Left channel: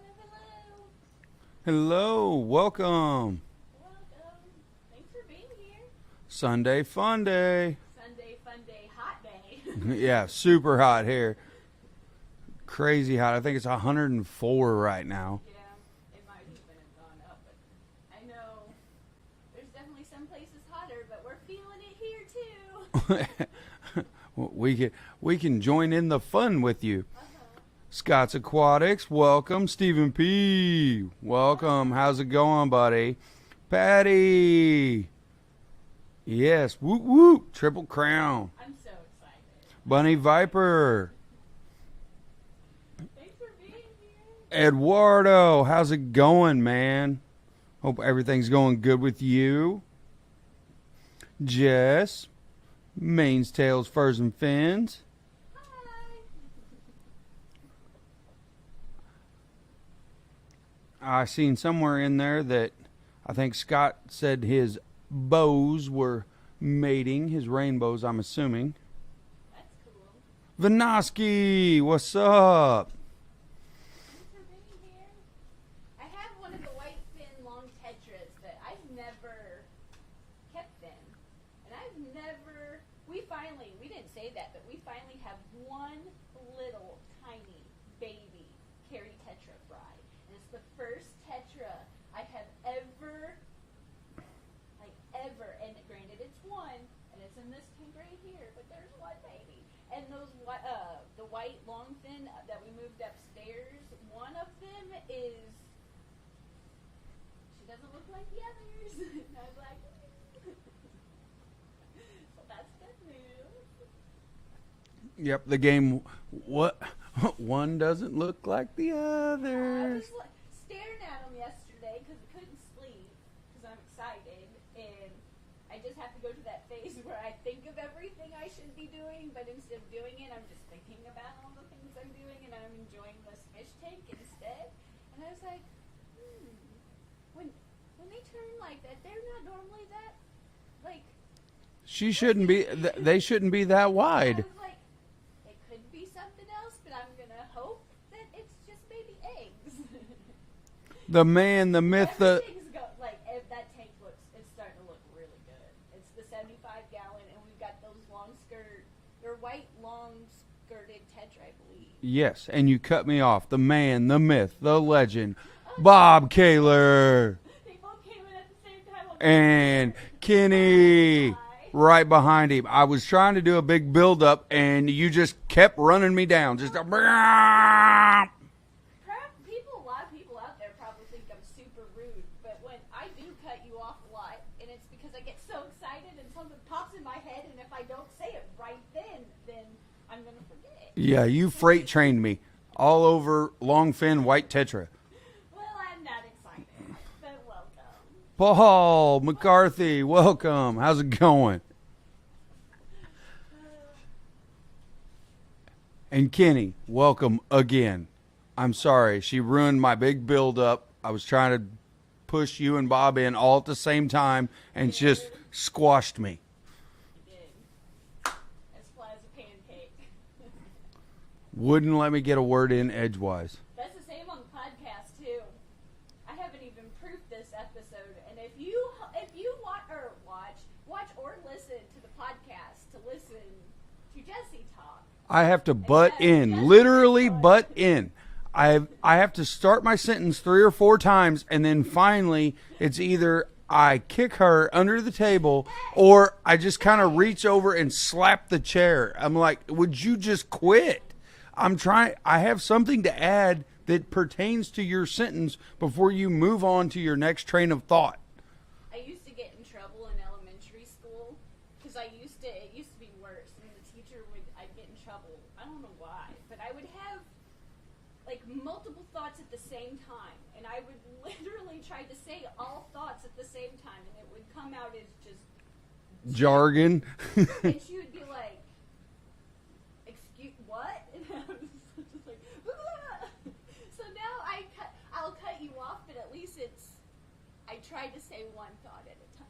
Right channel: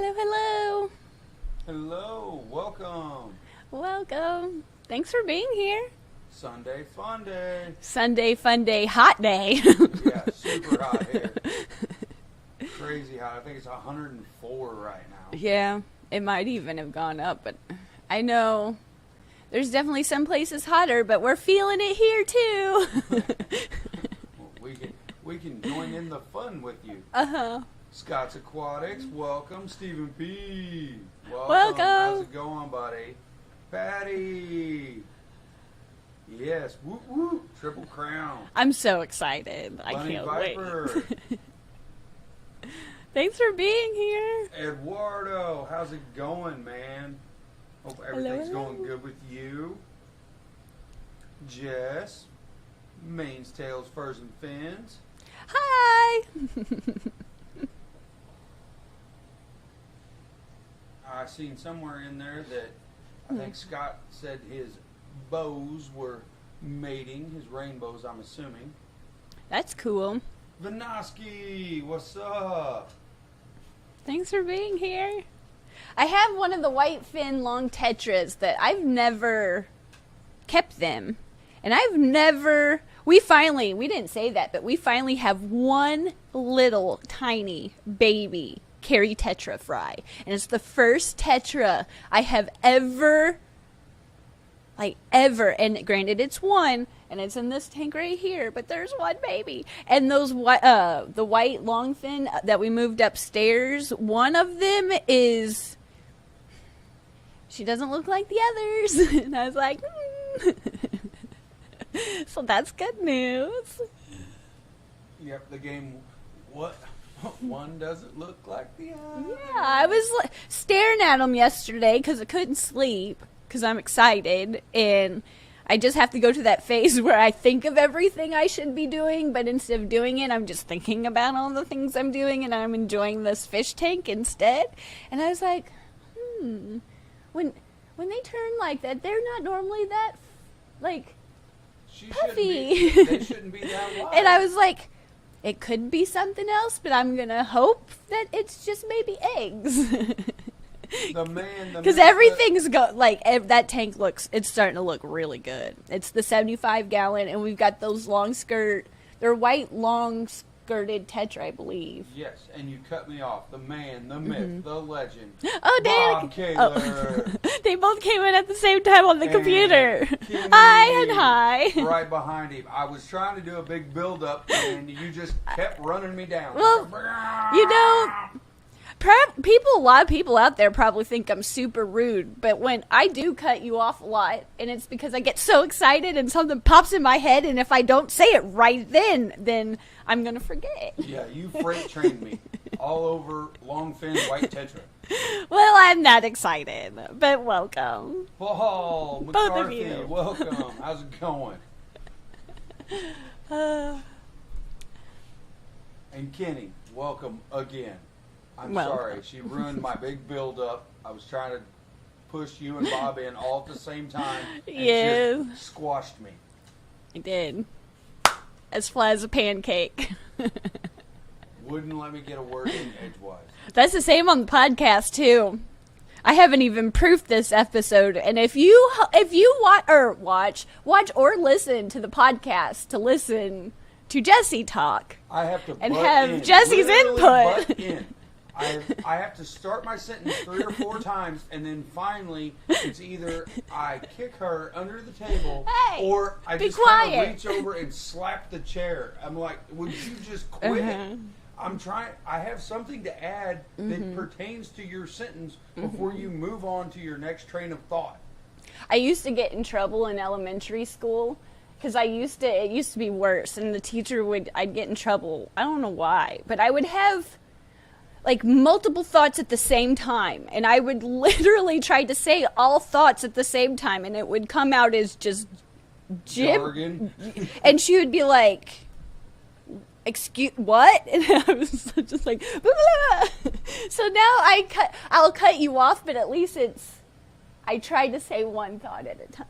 Hello, hello. Hello, welcome. Welcome. Thanks for being here. Sunday Funday. Sunday Funday hot day. Yeah, super hot here. Crazy hot. I think it's 104 right now. Yeah, it might even have gone up, but I know there's definitely some places hotter, but we're feeling it here too. We can join in the fun with you. Uh-huh. Scott's Aquatics, welcome. Stephen P. Welcome. How's it going, buddy? Patty. Yes. Whoop whoop. Triple Crown. I'm so excited. Bunny Viper. Thanks for being here. Eduardo, how's it going, man? Hope everything's Hello. going good with you. Jess. Manes, tails, furs, and fins. Hi. I seen somewhere in there that I think Scott said his bows were mating, his rainbows, I'm assuming. That's cool. Vinoski, what's up? Thanks for being here. I have one of the white fin long tetras that I've never kept them. And we didn't say that, but we finally have one little tiny baby Kerri tetra fry. And it's the first tetra I have ever, and granted it's one, and it's in this tank right here, but there's one baby. And those the white longfin that we moved upstairs, one of them she doesn't look like the others. And I was like, So that's good news. Yep, the game, what? One doesn't look like the other. Yeah, I was staring at them yesterday because I couldn't sleep because I'm excited, and I just have to go to that phase where I think of everything I should be doing, but instead of doing it, I'm just thinking about all the things I'm doing, and I'm enjoying this fish tank instead. And I was like, when they turn like that, they're not normally that She puffy. shouldn't be. They shouldn't be that wide. And I was like, it could be something else, but I'm gonna hope that it's just maybe eggs. The myth. Because everything's that tank it's starting to look really good. It's the 75-gallon, and we've got those they're white long skirted tetra, I believe. Yes, and you cut me off. The man, the myth, the legend, Oh, Bob Kaler. They both came in at the same time on the computer. Kenny, Hi and hi. right behind him. I was trying to do a big build-up, and you just kept running me down. Well, a lot of people out there probably think I'm super rude, but when I do cut you off a lot, and it's because I get so excited and something pops in my head, and if I don't say it right then I'm going to forget. Yeah, you freight trained me all over longfin white tetra. Well, I'm not excited, but welcome. Paul of McCarthy, you. welcome. How's it going? And Kenny, welcome again. I'm sorry. She ruined my big build-up. I was trying to push you and Bob in all at the same time, and just squashed me. I did. As flat as a pancake. Wouldn't let me get a word in edgewise. That's the same on the podcast, too. I haven't even proofed this episode, and if you watch or listen to the podcast to listen to Jesee talk, I have to and butt have in, Jesse's literally input. butt in. I have to start my sentence 3 or 4 times, and then finally it's either I kick her under the table, Hey, or I be just kind of quiet. reach over and slap the chair. I'm like, would you just quit? I'm trying. I have something to add that pertains to your sentence before you move on to your next train of thought. I used to get in trouble in elementary school because it used to be worse, and the teacher I'd get in trouble. I don't know why, but I would have multiple thoughts at the same time, and I would literally try to say all thoughts at the same time, and it would come out as just Jargon. And she would be like, excuse what? And I was just like, blah, blah, blah. So now I'll cut you off, but at least I try to say one thought at a time.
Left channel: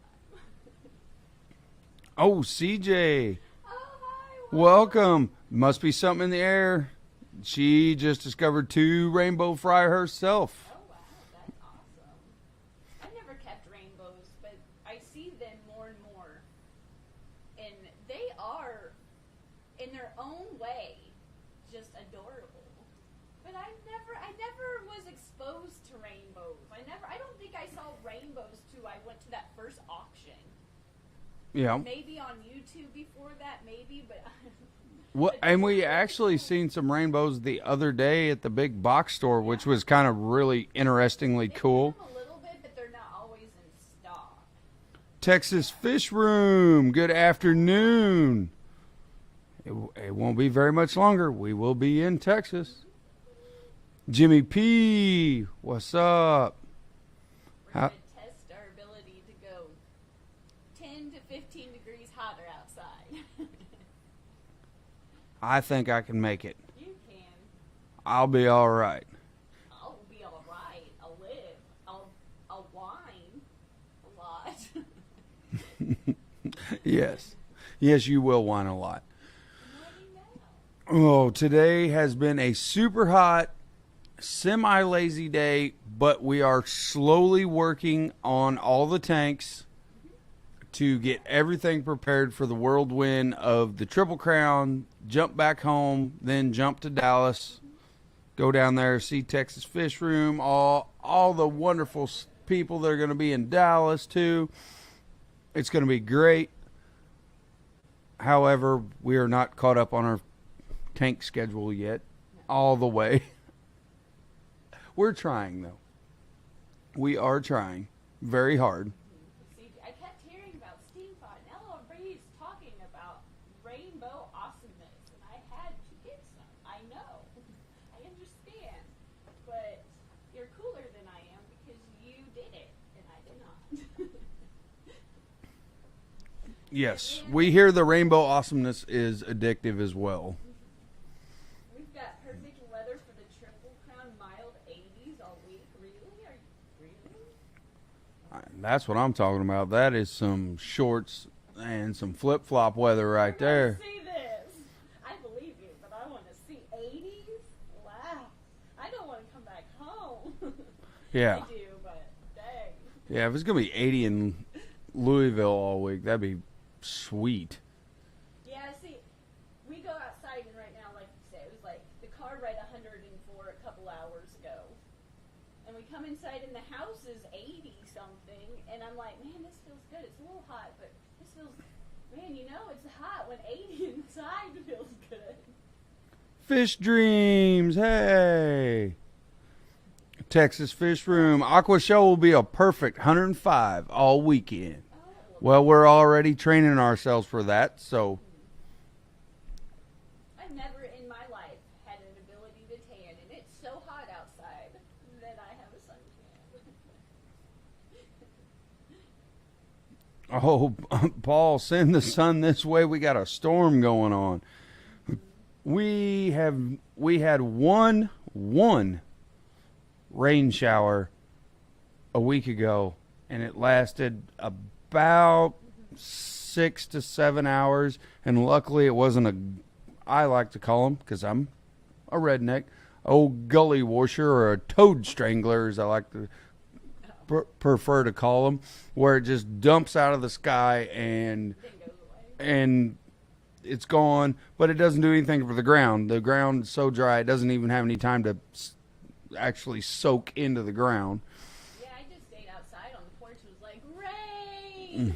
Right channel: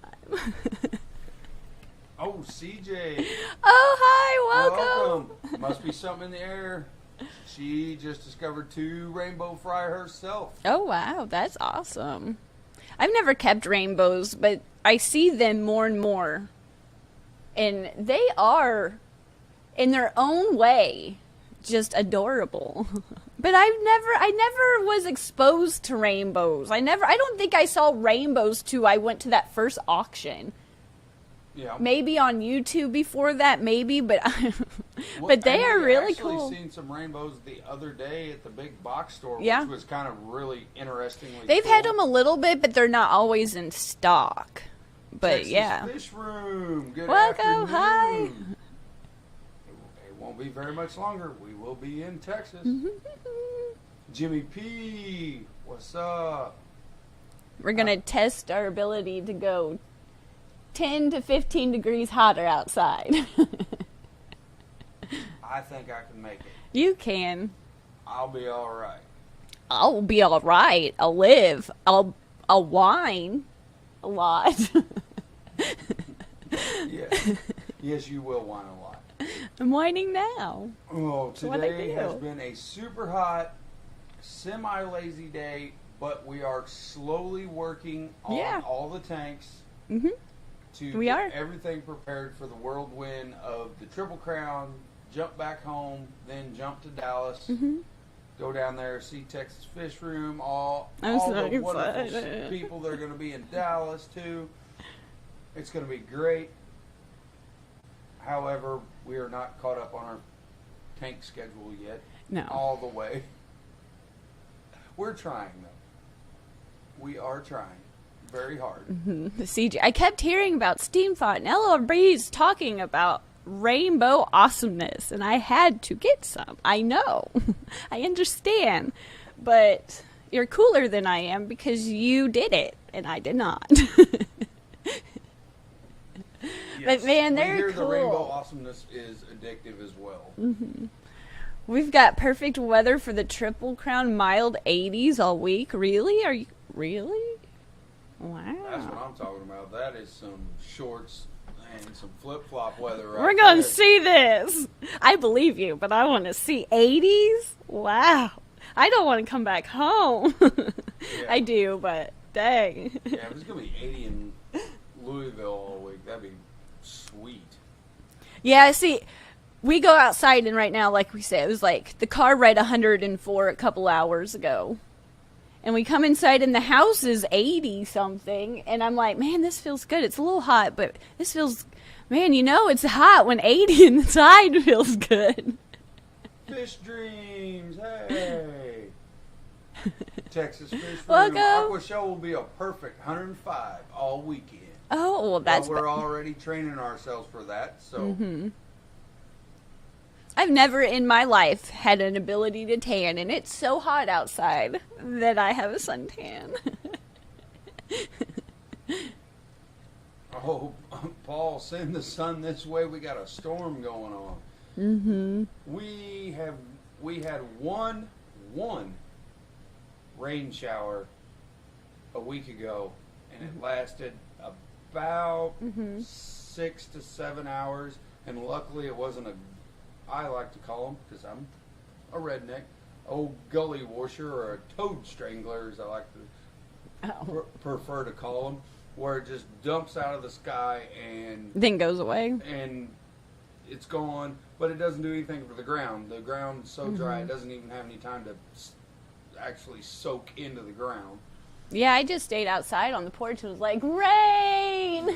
Oh, CJ. Oh, hi, welcome. Must be something in the air. She just discovered 2 rainbow fry herself. Oh, wow. That's awesome. I've never kept rainbows, but I see them more and more. And they are, in their own way, just adorable. But I never was exposed to rainbows. I don't think I saw rainbows till I went to that first auction. Yeah. Maybe on YouTube before that, maybe, but Well, but they and are we really actually cool. seen some rainbows the other day at the big box store, Yeah. which was kind of really interestingly They've cool. had them a little bit, but they're not always in stock. But Texas yeah. Fish Room. Good Welcome, afternoon. It won't be very much longer. We will be in Texas. Jimmy P, what's up? We're going to test our ability to go 10 to 15 degrees hotter outside. I think I can make it. You can. I'll be all right. I'll be all right. I'll live. I'll whine a lot. Yes. Yes, you will whine a lot. I'm whining now. Oh, today do? has been a super hot, semi-lazy day, but we are slowly working on Yeah. all the tanks to We get are. everything prepared for the whirlwind of the Triple Crown, jump back home, then jump to Dallas, go down there, see Texas Fish Room, all I'm so the wonderful excited. people that are going to be in Dallas, too. It's going to be great. However, we are not caught up on our tank schedule yet. No. All the way. We're trying, though. We are trying very hard. The CG. I kept hearing about Steam Thought and LRB's talking about rainbow awesomeness, and I had to get some. I know. I understand. But you're cooler than I am because you did it, and I did not. Yes. man, we they're hear the cool. rainbow awesomeness is addictive as well. We've got perfect weather for the Triple Crown, mild 80s all week. Really? Are you really? Wow. That's what I'm talking about. That is some shorts and some flip-flop weather right We're going to there. see this. I believe you, but I want to see 80s. Wow. I don't want to come back home. Yeah. I do, but dang. Yeah, if it's going to be 80 in Louisville all week, that'd be sweet. Yeah, see, we go outside, and right now, like we said, it was like the car read 104 a couple hours ago. And we come inside, and the house is 80-something. And I'm like, man, this feels good. It's a little hot, but this feels, man, you know, it's hot when 80 inside feels good. Fish Dreams, hey. Texas Fish Room. Welcome. Aqua Show will be a perfect 105 all weekend. Oh, well, Well, that's we're already training ourselves for that, so I've never in my life had an ability to tan, and it's so hot outside that I have a suntan. oh, Paul, send the sun this way. We got a storm going on. We had one rain shower a week ago, and it lasted about 6 to 7 hours. And luckily, it wasn't I like to call them, because I'm a redneck, old gully washer or a toad strangler, as I like to prefer to call them, where it just dumps out of the sky and Then goes away. it's gone, but it doesn't do anything for the ground. The ground's so dry, it doesn't even have any time to actually soak into the ground. Yeah, I just stayed outside on the porch and was like, rain!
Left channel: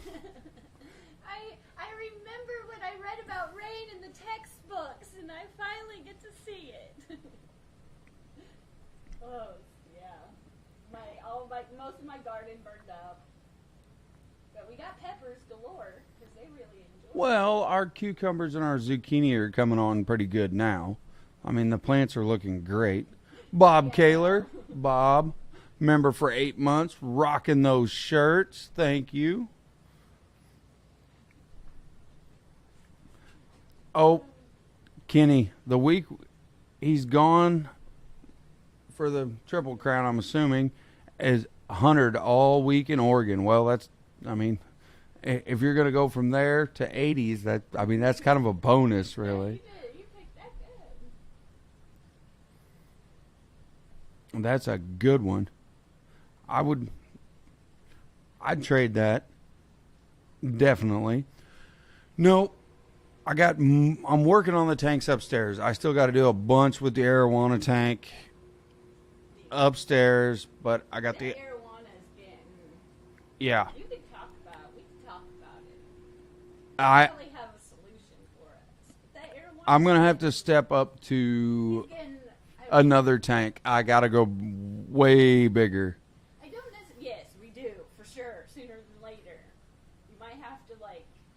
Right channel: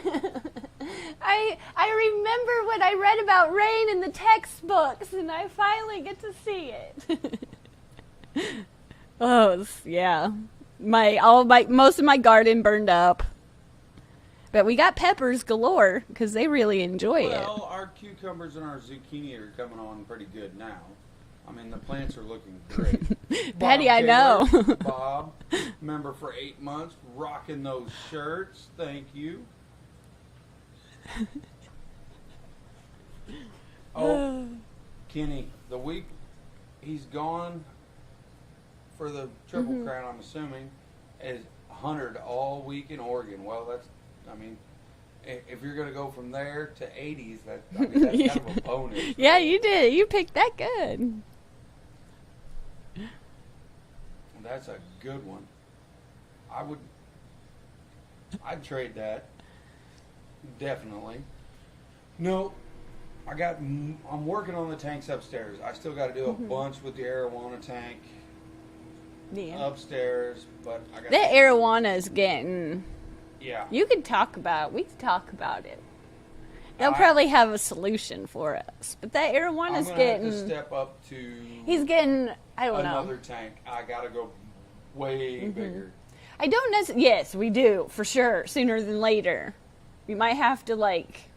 I remember when I read about rain in the textbooks, and I finally get to see it. Oh, yeah. Most of my garden burned up. But we got peppers galore, because they really enjoy it. Well, our cucumbers and our zucchini are coming on pretty good now. I mean, the plants are looking great. Bob Patty, I Taylor, know. Bob, member for 8 months, rocking those shirts. Thank you. Oh, Kenny, the week he's gone for the Triple Crown, I'm assuming, is 100 all week in Oregon. Well, that's, I mean, if you're going to go from there to 80s, that's kind of a bonus. Yeah, really. you did. You picked that good. That's a good one. I'd trade that. Definitely. No, I'm working on the tanks upstairs. I still got to do a bunch with the arowana tank upstairs, but I got the arowana is getting. Yeah. You could talk about. We could talk about it. They'll probably have a solution for us, but that arowana. I'm gonna have to step up to. He's getting. I don't another know. tank. I gotta go way bigger. I don't necessarily. Yes, we do for sure. Sooner than later, we might have to like.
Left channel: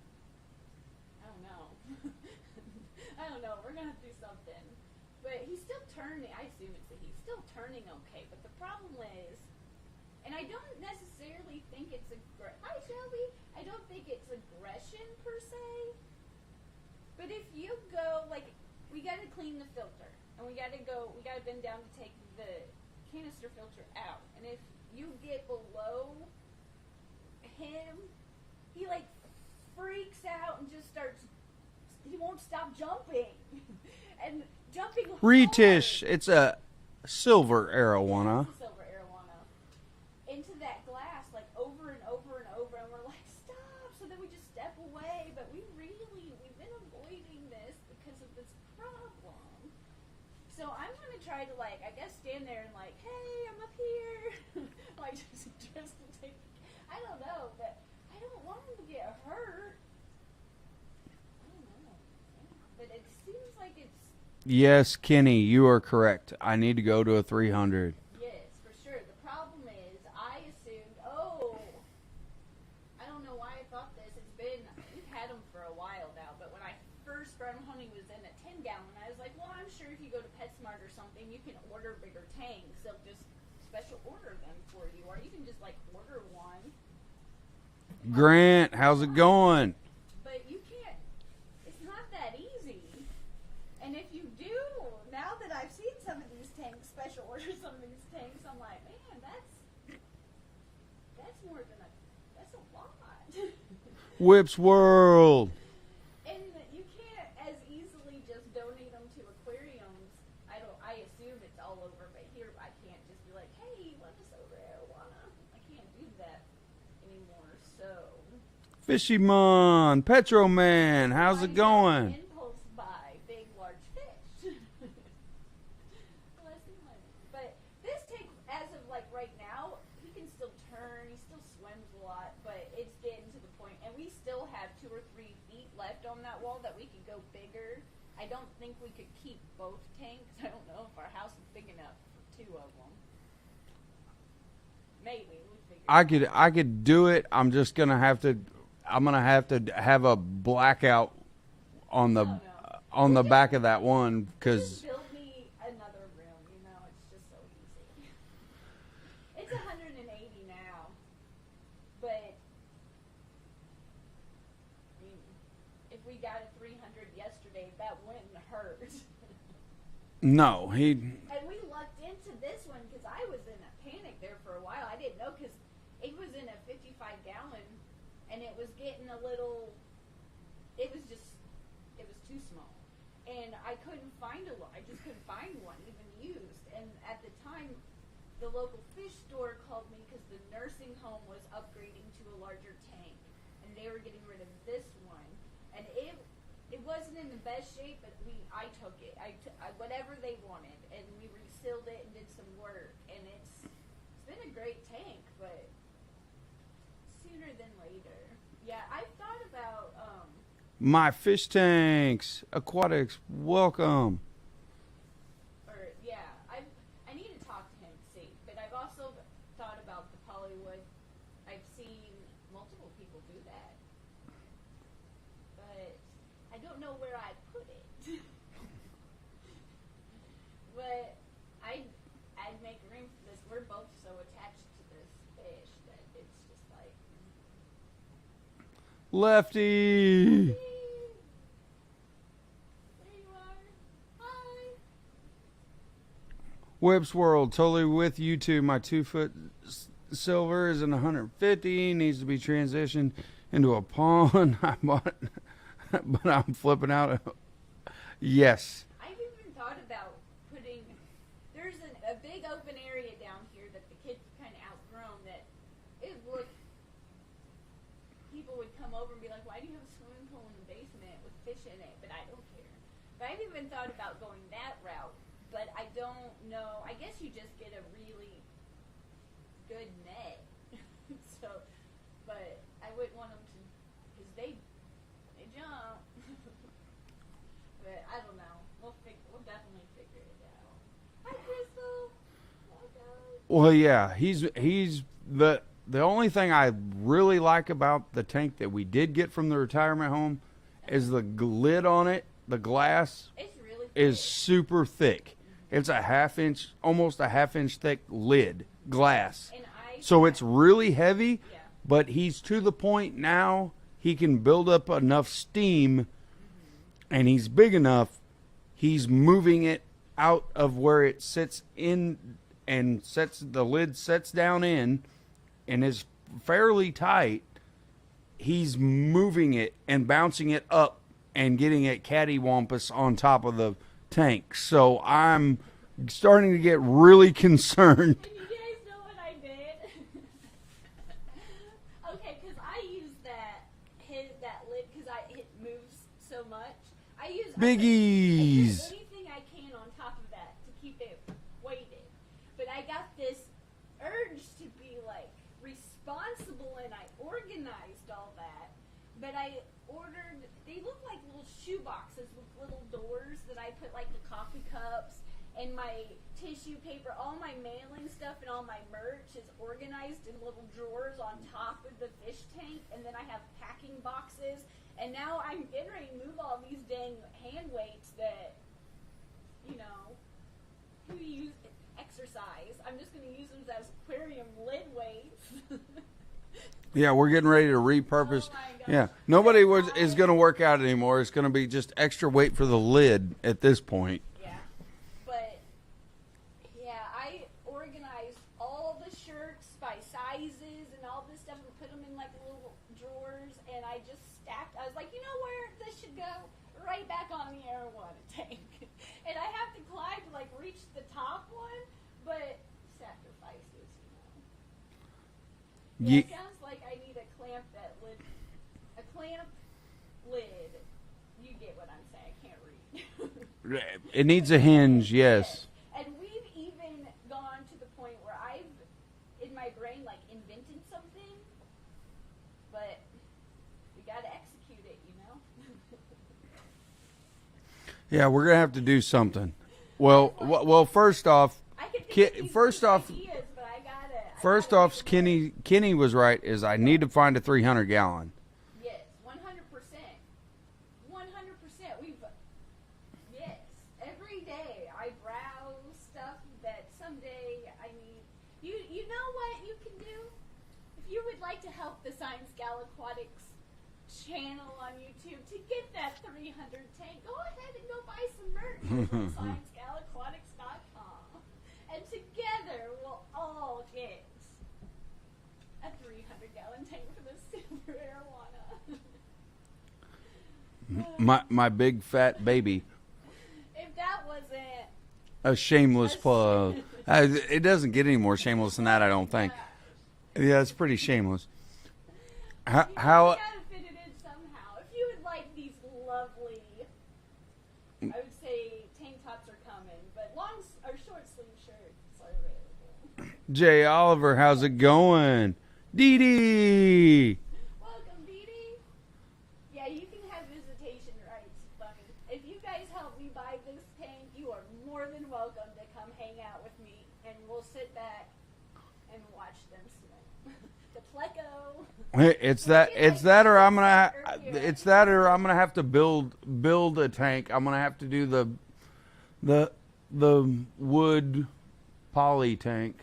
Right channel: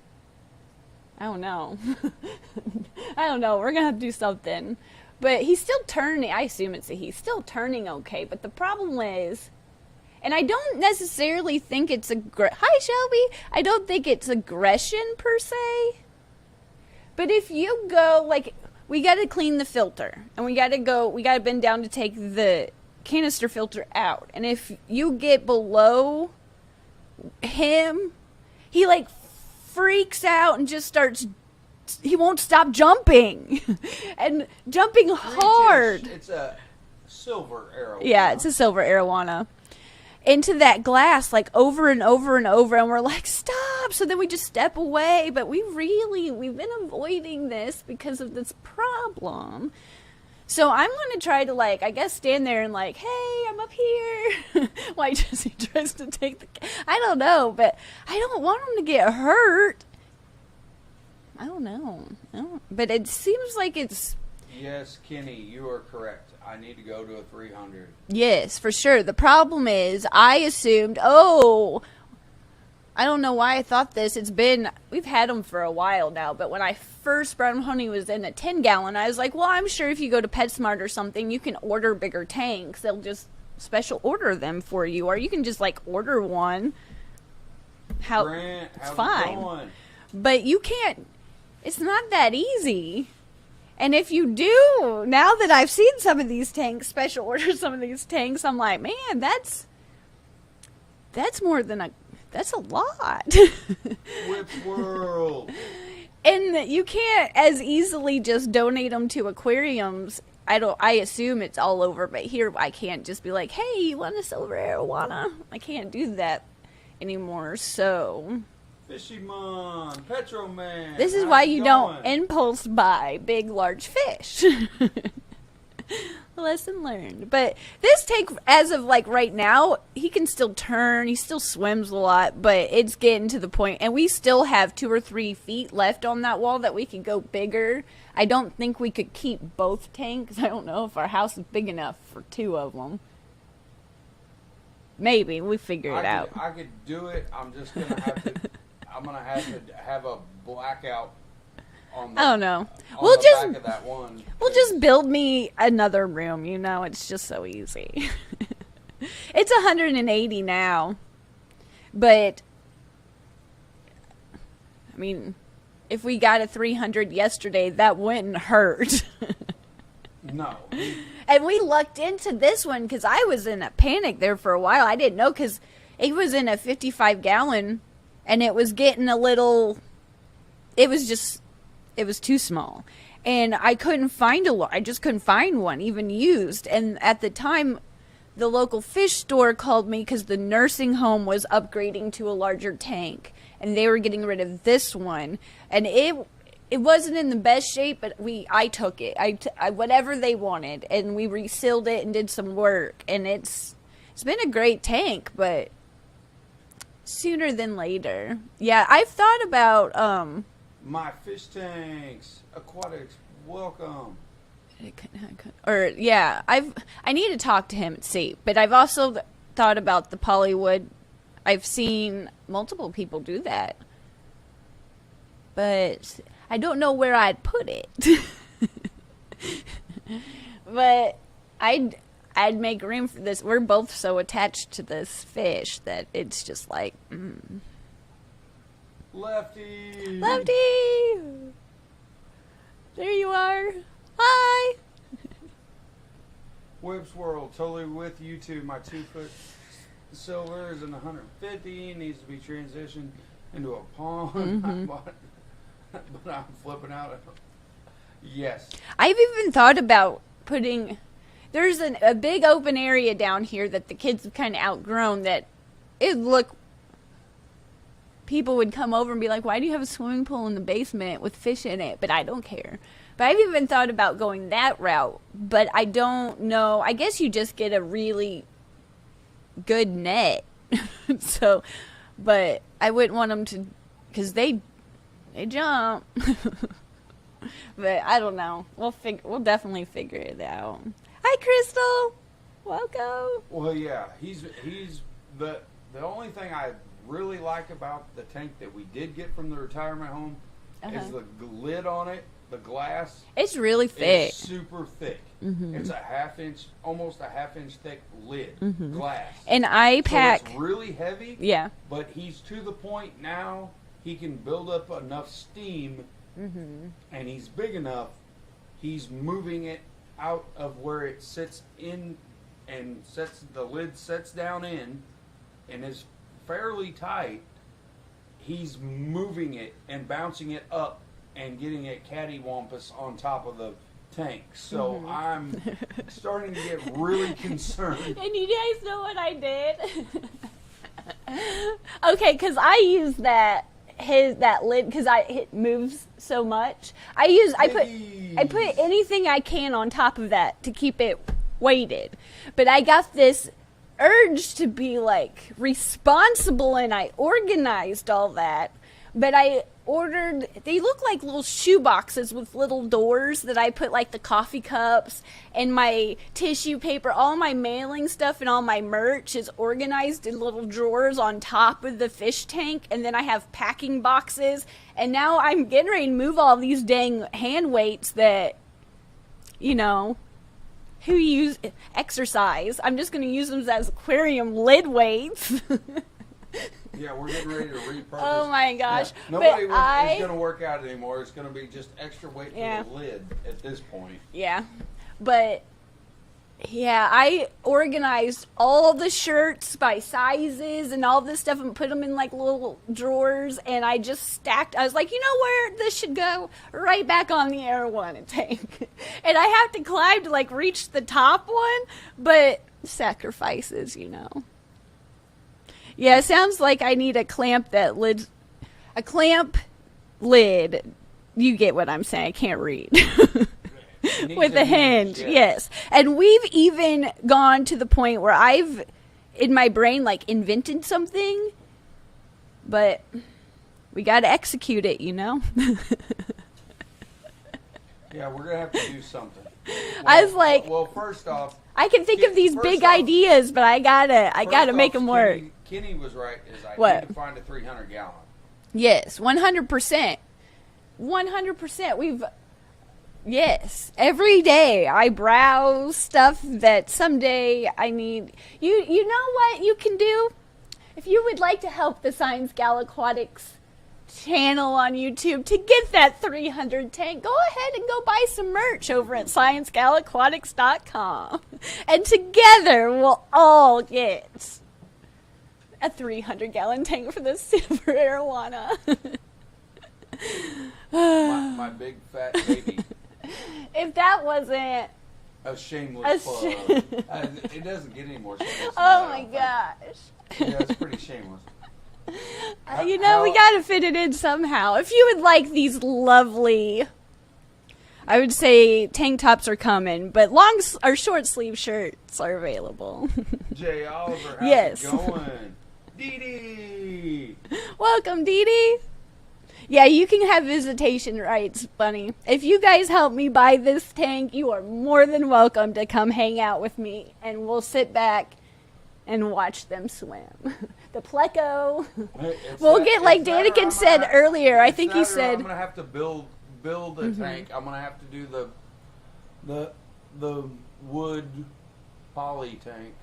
I don't know. I don't know. We're gonna have to do something, but he's still turning. I assume he's still turning okay. But the problem is, and I don't necessarily think it's Hi, Shelby. I don't think it's aggression per se. But if you go like, we got to clean the filter, and we got to bend down to take the canister filter out. And if you get below him, he like freaks out and just starts. He won't stop jumping, and jumping hard. It's a silver arowana. Yeah, it's a silver arowana. Into that glass, like over and over and over, and we're like, stop. So then we just step away, but we've been avoiding this because of this problem. So I'm going to try to, like, I guess stand there and like, hey, I'm up here. Why Jesee tries to take I don't know, but I don't want him to get hurt. I don't know. But it seems like it's... Yes, Kenny, you are correct. I need to go to a 300. Yes, for sure. The problem is, I assumed, I don't know why I thought this. We've had them for a while now, but when I first brought him home, he was in a 10-gallon. I was like, well, I'm sure if you go to PetSmart or something, you can order bigger tanks. They'll just special order them for you, or you can just, like, order one. Grant, how's it going? But you can't. It's not that easy. And if you do, now that I've seen some of these tanks, special order some of these tanks, I'm like, man, that's more than that's a lot. Whips World. And you can't as easily just donate them to aquariums. I assume it's all over, but here I can't just be like, hey, you want a silver arowana? I can't do that anymore, so... Fishymon, Petroman. This is why you don't impulse buy big, large fish. Lesson learned. But this tank, as of like right now, he can still turn. He still swims a lot, but it's getting to the point. And we still have 2 or 3 feet left on that wall that we could go bigger. I don't think we could keep both tanks. I don't know if our house is big enough for 2 of them. Maybe we figure it out. I could do it. I'm just gonna have to. I'm gonna have to have a blackout on the. I don't know. On the back of that one. We'll just build me another room. You know, it's just so easy. It's 180 now, but I mean, if we got a 300 yesterday, that wouldn't hurt. No. And we lucked into this one because I was in a panic there for a while. I didn't know because it was in a 55-gallon. And it was getting a little, it was too small. And I couldn't find I just couldn't find one, even used. And at the time, the local fish store called me because the nursing home was upgrading to a larger tank. And they were getting rid of this one. And it wasn't in the best shape, but I took it. I whatever they wanted. And we resealed it and did some work. And it's been a great tank, but... sooner than later. Yeah, I've thought about my fish tanks, Aquatics, welcome. Or yeah, I need to talk to him and see. But I've also thought about the polywood. I've seen multiple people do that, but I don't know where I'd put it. But I'd make room for this. We're both so attached to this fish that it's just like, Lefty! There you are. Hi! Whips World, totally with you too. My 2-foot silver is in 150, needs to be transitioned into a pond. Mm-hmm. But I'm flipping out. Yes. I've even thought about putting... there's a big open area down here that the kids have kind of outgrown that people would come over and be like, why do you have a swimming pool in the basement with fish in it? But I don't care. But I've even thought about going that route, but I don't know. I guess you just get a really good net. So, but I wouldn't want them to, because they jump. But I don't know. We'll definitely figure it out. Hi, Crystal. Welcome. Well, yeah, he's the only thing I really like about the tank that we did get from the retirement home is the lid on it. The glass. It's really thick. It's super thick. Mm-hmm. It's almost a half inch thick lid glass. And so it's really heavy. Yeah. But he's to the point now he can build up enough steam, and he's big enough. He's moving it out of where it sits in, and the lid sets down in, and is fairly tight. He's moving it and bouncing it up and getting it cattywampus on top of the tank. So I'm starting to get really concerned. And you guys know what I did? Okay, because I use that lid because it moves so much. I put anything I can on top of that to keep it weighted. But I got this urge to be like responsible, and I organized all that. But they look like little shoe boxes with little doors that I put like the coffee cups and my tissue paper, all my mailing stuff and all my merch is organized in little drawers on top of the fish tank. And then I have packing boxes. And now I'm getting ready to move all these dang hand weights that, who use exercise. I'm just going to use them as aquarium lid weights. Yeah, we're getting ready to repurpose. Oh my gosh. Yeah. Nobody is going to work out anymore. It's going to be just extra weight for the lid at this point. Yeah. But, yeah, I organized all the shirts by sizes and all this stuff and put them in like little drawers. And I just stacked. I was like, you know where this should go? Right back on the arowana tank. And I have to climb to like reach the top one. But sacrifices, Yeah, it sounds like I need a clamp lid. You get what I'm saying. I can't read. It needs With a a hinge, yes. And we've even gone to the point where I've, in my brain, like invented something, but we got to execute it, Yeah, we're going to have to do something. I was like, well, first off, I can think of these big ideas, but I gotta make them work. Kenny was right. I need to find a 300-gallon. Yes, 100%. 100%. Yes, every day I browse stuff that someday I need. You know what you can do? If you would like to help the ScienceGal Aquatics channel on YouTube to get that 300 tank, go ahead and go buy some merch over at ScienceGalAquatics.com. And together we'll all get a 300-gallon tank for the silver arowana. my big fat baby. If that wasn't a shameless plug. It doesn't get any more shameless than that, I don't think. Yeah, it's pretty shameless. We got to fit it in somehow. If you would like these lovely, I would say tank tops are coming, but long or short sleeve shirts are available. Jay Oliver, how's it going? Dee Dee! Welcome, Dee Dee. Yeah, you can have visitation rights, Bunny. If you guys help me buy this tank, you are more than welcome to come hang out with me, and we'll sit back and watch them swim. The pleco. Like Danica said earlier. I think you said I'm gonna have to build a tank. I'm gonna have to do the wood poly tank.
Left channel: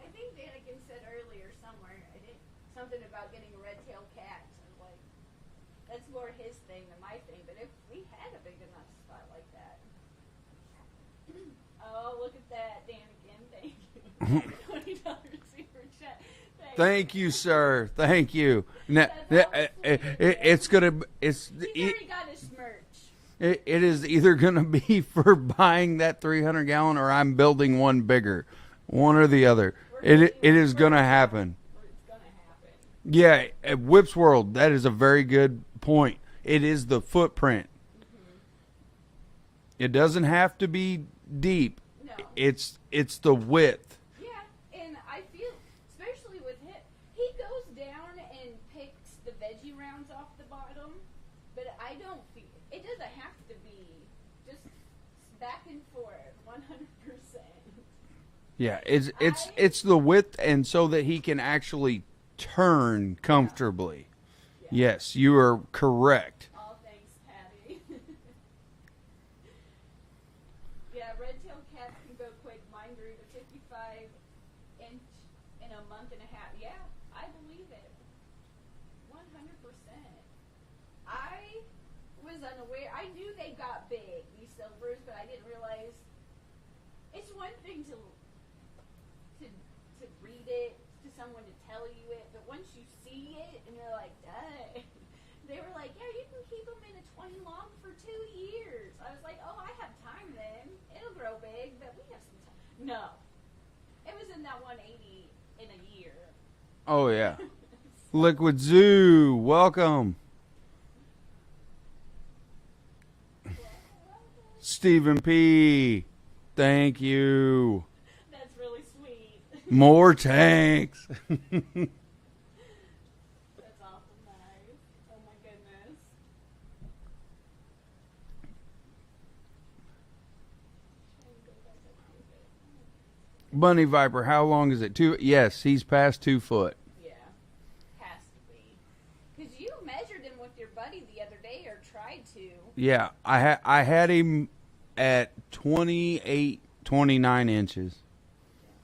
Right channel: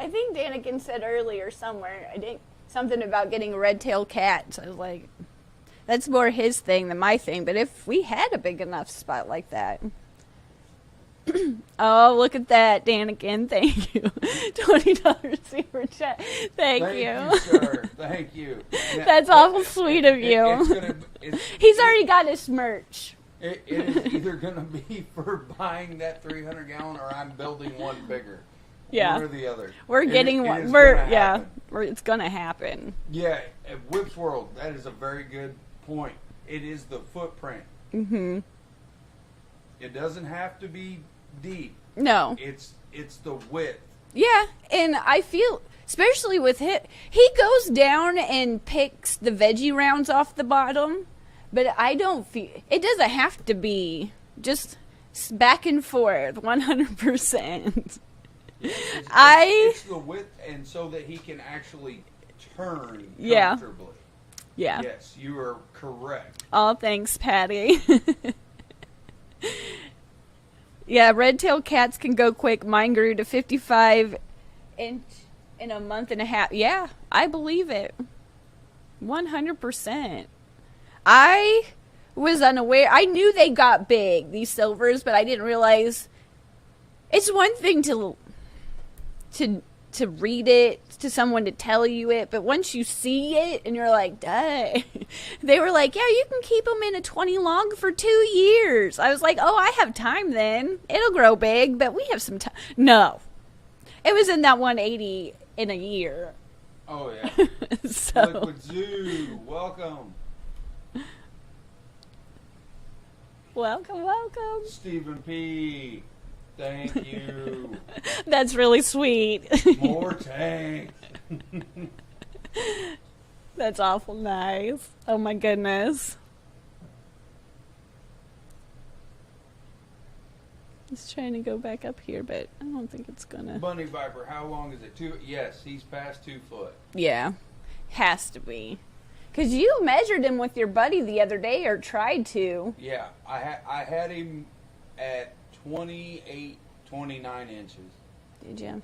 I think Danica said earlier somewhere. I think something about getting red-tailed cats. I was like, that's more his thing than my thing. But if we had a big enough spot like that. Oh, look at that, Danica. Thank you. $20 super chat. Thank you. Thank you, sir. Thank you. That's awful sweet of you. He's already got his merch. It is either going to be for buying that 300-gallon or I'm building one bigger. Yeah. One or the other. We're getting one. It is going to happen. It's going to happen. Yeah, at Whip's World, that is a very good point. It is the footprint. Mm-hmm. It doesn't have to be deep. No. It's the width. Yeah, and I feel, especially with him, he goes down and picks the veggie rounds off the bottom, but I don't feel, it doesn't have to be just back and forth 100%. Yeah, it's the width, and so that he can actually turn comfortably. Yeah. Yes, you are correct. Oh, thanks, Patty. Yeah, red-tailed cats can go quick. Mine grew to 55 inch in a month and a half. Yeah, I believe it. 100%. I was unaware. I knew they got big, these silvers, but I didn't realize. It's one thing to read it, to someone to tell you it, but once you see it and you're like, dang. They were like, yeah, you can keep them in a 20 long for 2 years. I was like, oh, I have time then. It'll grow big, but we have some time. No. It was in that 180 in a year. Oh, yeah. So. Liquid Zoo, welcome. Welcome. Stephen P., thank you. That's really sweet. More tanks. That's awful nice. Oh my goodness. Just trying to go back up here, but I don't think it's gonna. Bunny Viper, how long is it? Yes, he's past 2 foot. Yeah, has to be. Because you measured him with your buddy the other day, or tried to. Yeah, I had him at 28, 29 inches. Did you?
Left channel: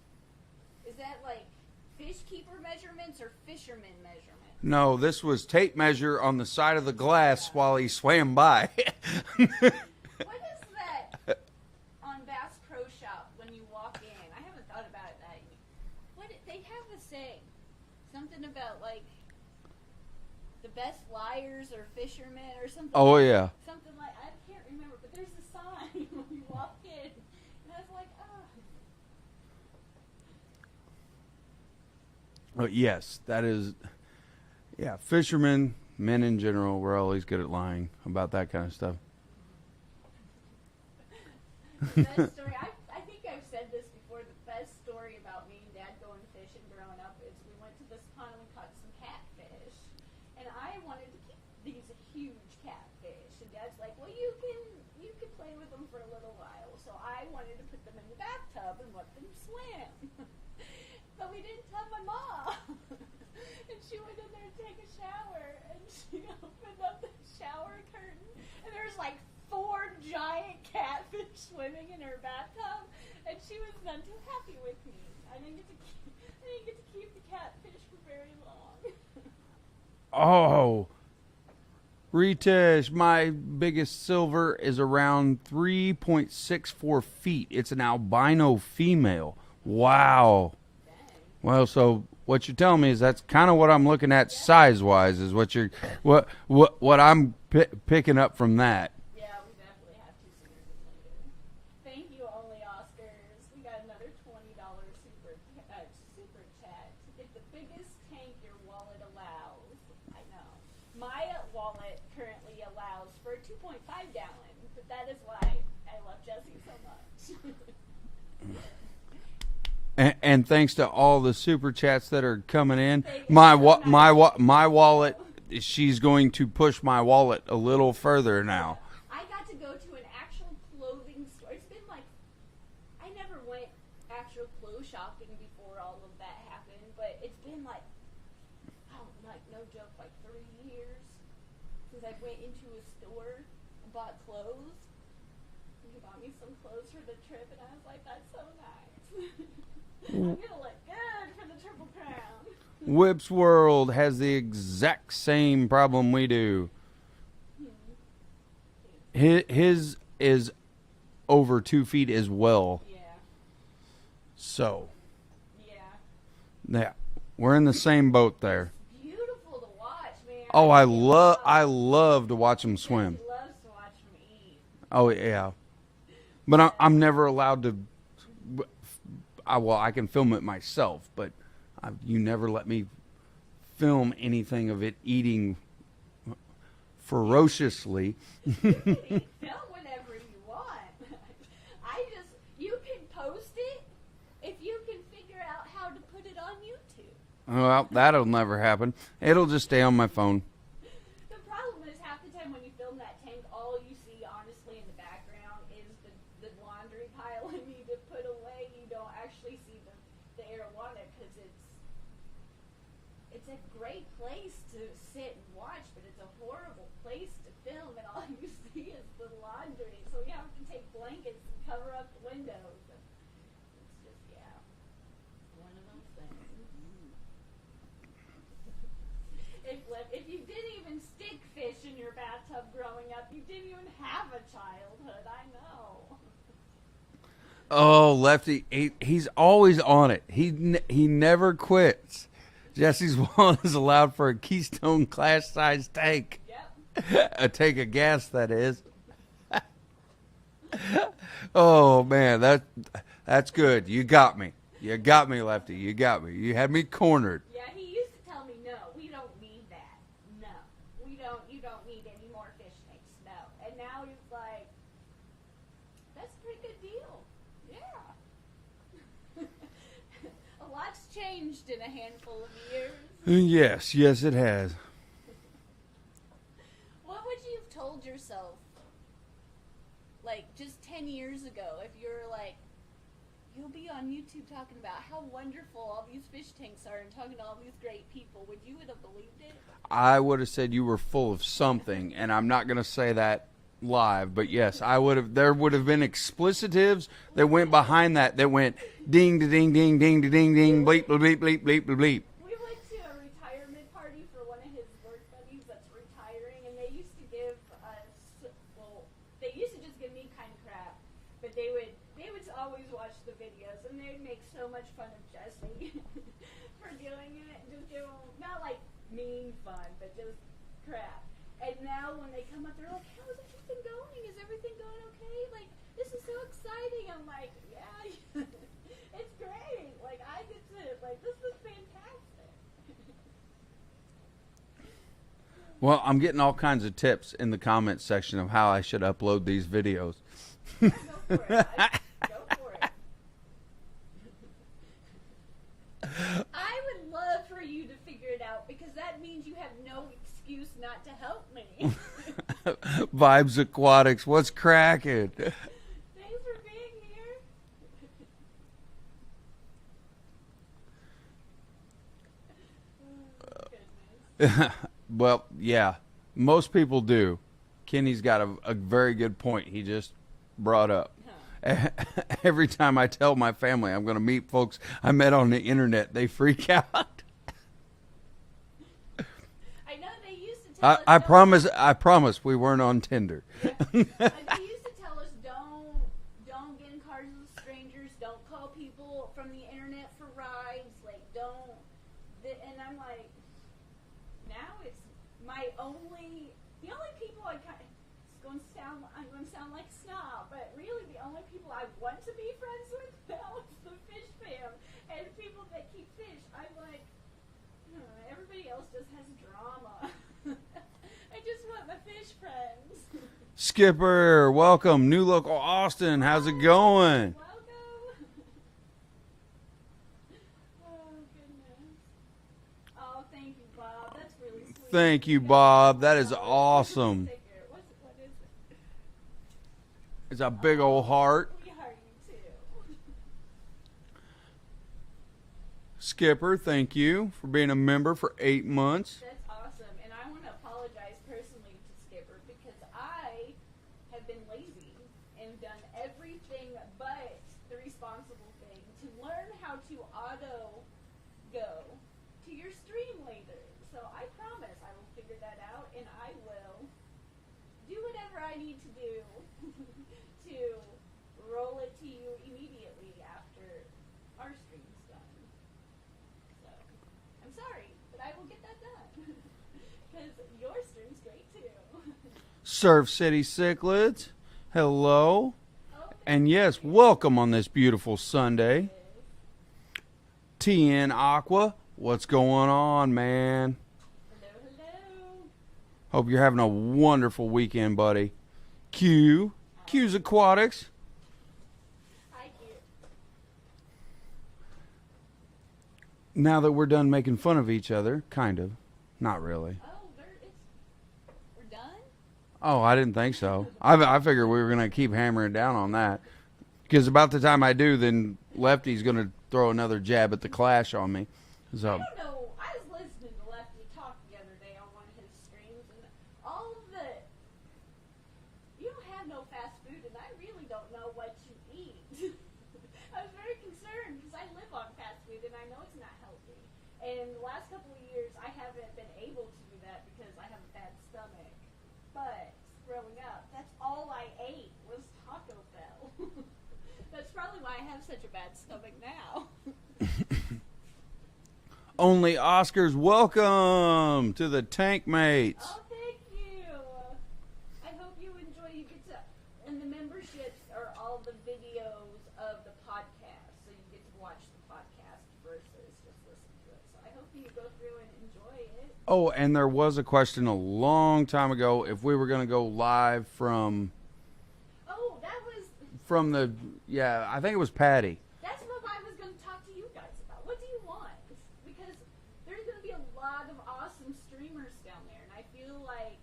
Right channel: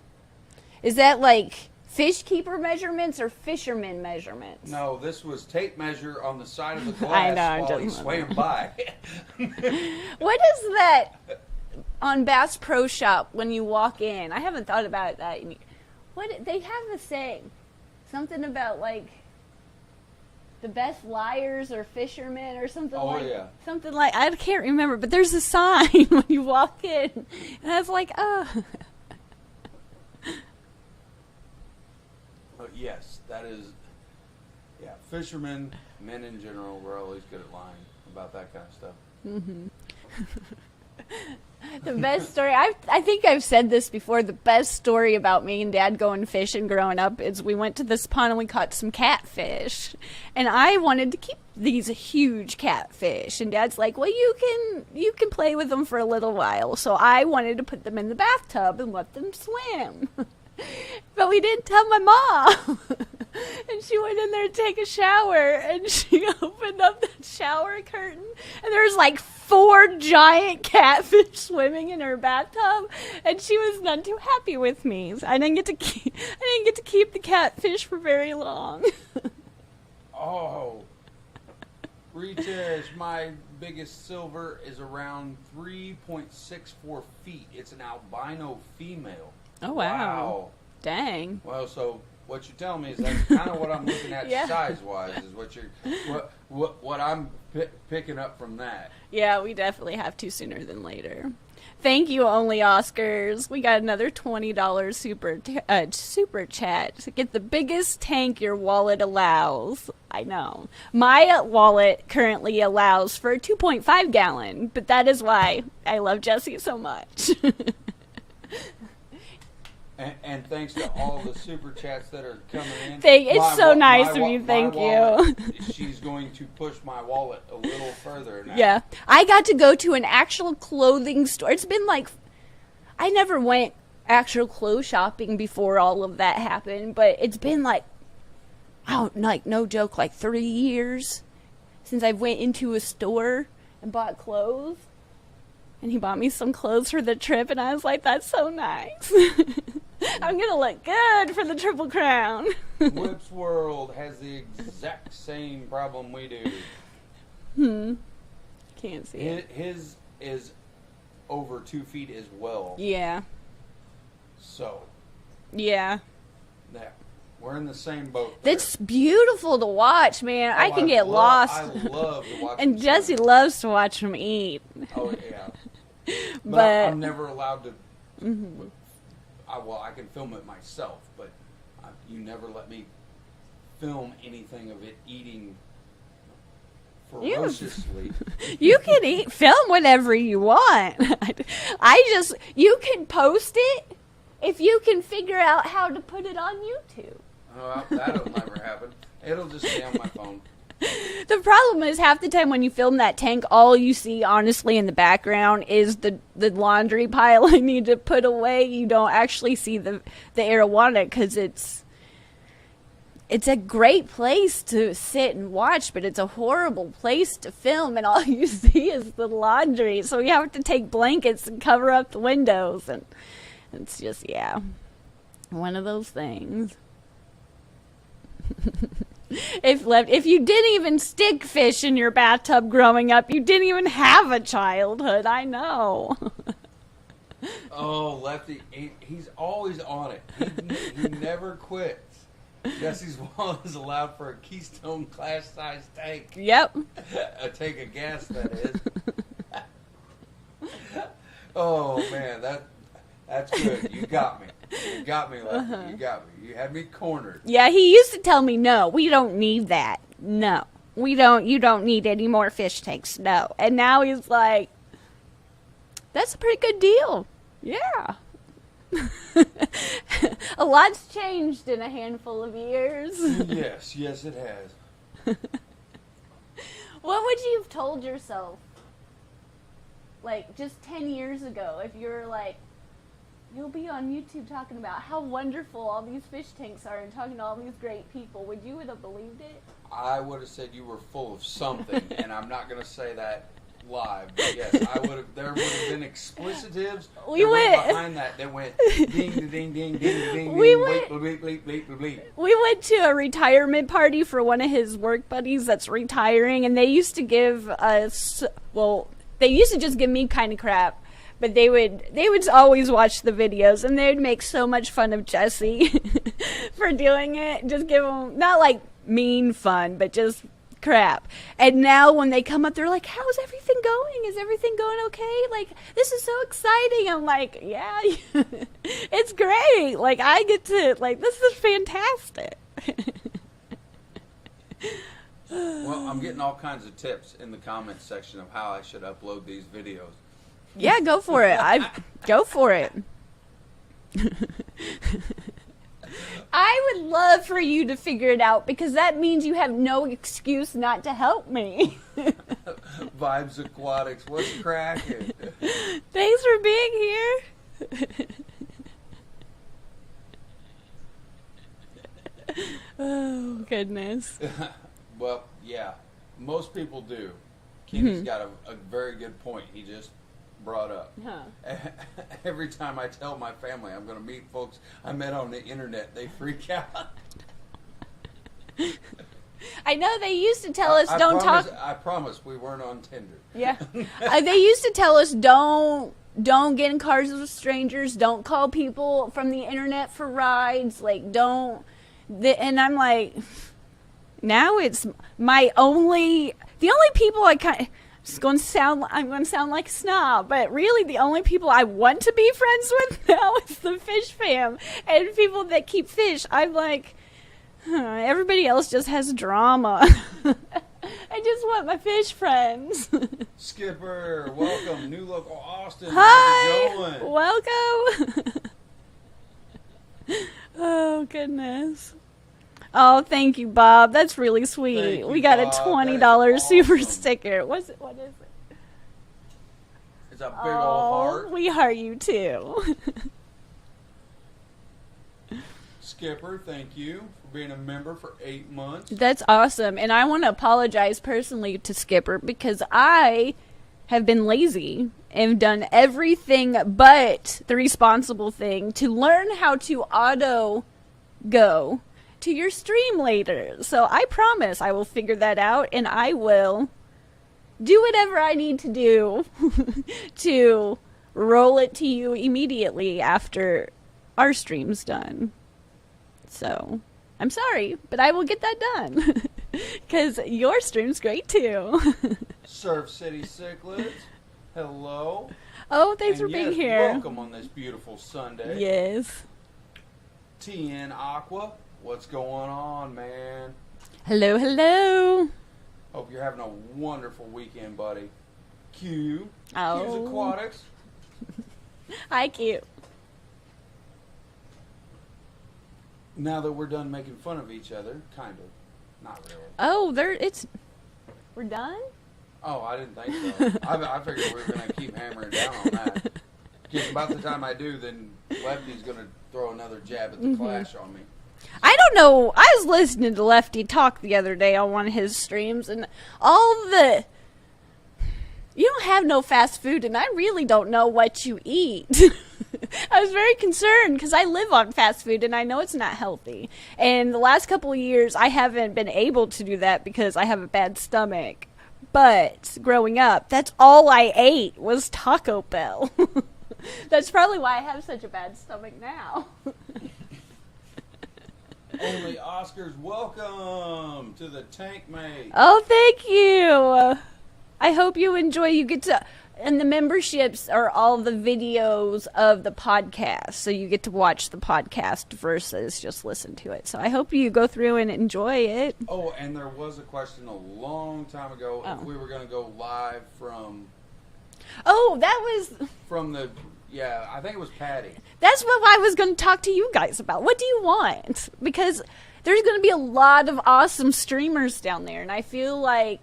Is that like fish keeper measurements or fisherman measurements? No, this was tape measure on the side of the glass while he swam by. What is that on Bass Pro Shop when you walk in? I haven't thought about that. What they have a saying, something about like the best liars or fishermen or something. Oh, yeah. Something like, I can't remember, but there's a sign when you walk in, and I was like, oh. Oh, yes, that is. Yeah, fishermen, men in general, we're always good at lying about that kind of stuff. Mm-hmm. The best story, I think I've said this before, the best story about me and Dad going fishing growing up is we went to this pond and we caught some catfish. And I wanted to keep these huge catfish. And Dad's like, well, you can play with them for a little while. So I wanted to put them in the bathtub and let them swim. But we didn't tell my mom. And she went in there to take a shower, and she opened up the shower curtain, and there was like 4 giant catfish swimming in her bathtub, and she was none too happy with me. So I didn't get to keep the catfish for very long. Oh, Ritish, my biggest silver is around 3.64 feet. It's an albino female. Oh, wow. Dang. Well, so what you're telling me is that's kind of what I'm looking at Yeah. size-wise is what I'm picking up from that. Yeah, we definitely have to sooner than later. Thank you, Only Oscars. We got another $20 super chat to get the biggest tank your wallet allows. I know. My wallet currently allows for a 2.5 gallon, but that is why I love Jesee so much. And thanks to all the super chats that are coming in. It's so nice of you. My Thank wallet, you. she's going to push my wallet a little further now. Yeah. I got to go to an actual clothing store. It's been like, I never went actual clothes shopping before all of that happened, but it's been like, no joke, like 3 years since I went into a store and bought clothes. And he bought me some clothes for the trip, and I was like, that's so nice. I'm going to look good for the Triple Crown. Whip's World has the exact same problem we do. Can't see. His is over 2 feet as well. Yeah. So. Yeah. Yeah. We're in the same boat there. It's beautiful to watch, man. Oh, I can get lost. I love to watch them and Jesee swim. loves to watch them eat. Oh, yeah. But I'm never allowed to... I can film it myself, but you never let me film anything of it eating ferociously. You can film whatever you want. You can post it if you can figure out how to put it on YouTube. Well, that'll never happen. It'll just stay on my phone. The problem is half the time when you film that tank, all you see, honestly, in the background is the laundry pile I need to put away. You don't actually see the arowana because it's a great place to sit and watch, but it's a horrible place to film, and all you see is the laundry. So you have to take blankets and cover up the windows, and it's just, yeah, one of those things. If you didn't even stick fish in your bathtub growing up, you didn't even have a childhood. I know. Oh, Lefty, he's always on it. He never quits. Jesee's wallet is allowed for a Keystone class size tank. Yep. A tank of gas, that is. Oh man, that's good. You got me. You got me, Lefty. You got me. You had me cornered. Yeah, he used to tell me, no, we don't need that. No, we don't. You don't need any more fish tanks. No. And now he's like, that's a pretty good deal. Yeah. A lot's changed in a handful of years. Yes, it has. What would you have told yourself, like, just 10 years ago, if you were like, you'll be on YouTube talking about how wonderful all these fish tanks are and talking to all these great people? Would you have believed it? I would have said you were full of something, and I'm not going to say that live, but yes, I would have. There would have been explicitives that went behind that went ding, ding, ding, ding, ding, ding, bleep, bleep, bleep, bleep, bleep. We went to a retirement party for one of his work buddies that's retiring, and they used to give us, well, they used to just give me kind of crap. But they would always watch the videos, and they would make so much fun of Jesee for doing it. Just give them, not like mean fun, but just crap. And now when they come up, they're like, how's everything going? Is everything going okay? Like, this is so exciting. I'm like, yeah, it's great. Like, I get to, like, this is fantastic. Well, I'm getting all kinds of tips in the comments section of how I should upload these videos. Yeah, go for it. Go for it. I would love for you to figure it out, because that means you have no excuse not to help me. Vibes Aquatics, what's cracking? Thanks for being here. Oh, goodness. Well, yeah, most people do. Kenny's got a very good point he just brought up. Huh. Every time I tell my family I'm going to meet folks I met on the internet, they freak out. I know they used to tell us I promise we weren't on Tinder. Yeah. They used to tell us don't get in cars with strangers, don't call people from the internet for rides, like and I'm like, now it's the only people I'm going to sound like a snob, but really the only people I want to be friends with now is the fish fam and people that keep fish. I'm like, everybody else just has drama. I just want my fish friends. Skipper, welcome. New local Austin. Hi, how's it going? Welcome. Oh, goodness. Oh, thank you, Bob. That's really sweet. Thank you, we got Bob. a $20 super awesome. sticker. What is it? It's a big old heart. We heart you too. Skipper, thank you for being a member for 8 months. That's awesome. And I want to apologize personally to Skipper, because I have been lazy and done everything but the responsible thing to learn how to auto go to your stream later. So I promise I will figure that out, and I will do whatever I need to do to roll it to you immediately after our stream's done. So I'm sorry, but I will get that done. Because your stream's great, too. Surf City Cichlids, hello. Oh, thanks for and being here. yes, welcome on this beautiful Sunday. Yes. TN Aqua, what's going on, man? Hello, hello. Hope you're having a wonderful weekend, buddy. Q, Q's Oh. Aquatics. Hi, cute. Now that we're done making fun of each other, kind of. Not really. Oh, we're done? Oh, I didn't think so. I figured we were going to keep hammering down on that. Because about the time I do, then Lefty's going to throw another jab at the Clash on me. So, I don't know. I was listening to Lefty talk the other day on one of his streams, and you don't have no fast food, and I really don't know what you eat. I was very concerned because I live on fast food, and I know it's not healthy. And the last couple of years, I haven't been able to do that because I have a bad stomach. But growing up, that's all I ate was Taco Bell. That's probably why I have such a bad stomach now. Only Oscars, welcome to the Tank Mate. Oh, thank you. I hope you enjoy. You get to, and the memberships are all the videos of the podcast, so you get to watch the podcast versus just listen to it. So I hope you go through and enjoy it. Oh, and there was a question a long time ago if we were going to go live from Oh, that was. I think it was Patty. That's what I was going to talk to you guys about. What do you want? Because there's going to be a lot of awesome streamers down there, and I feel like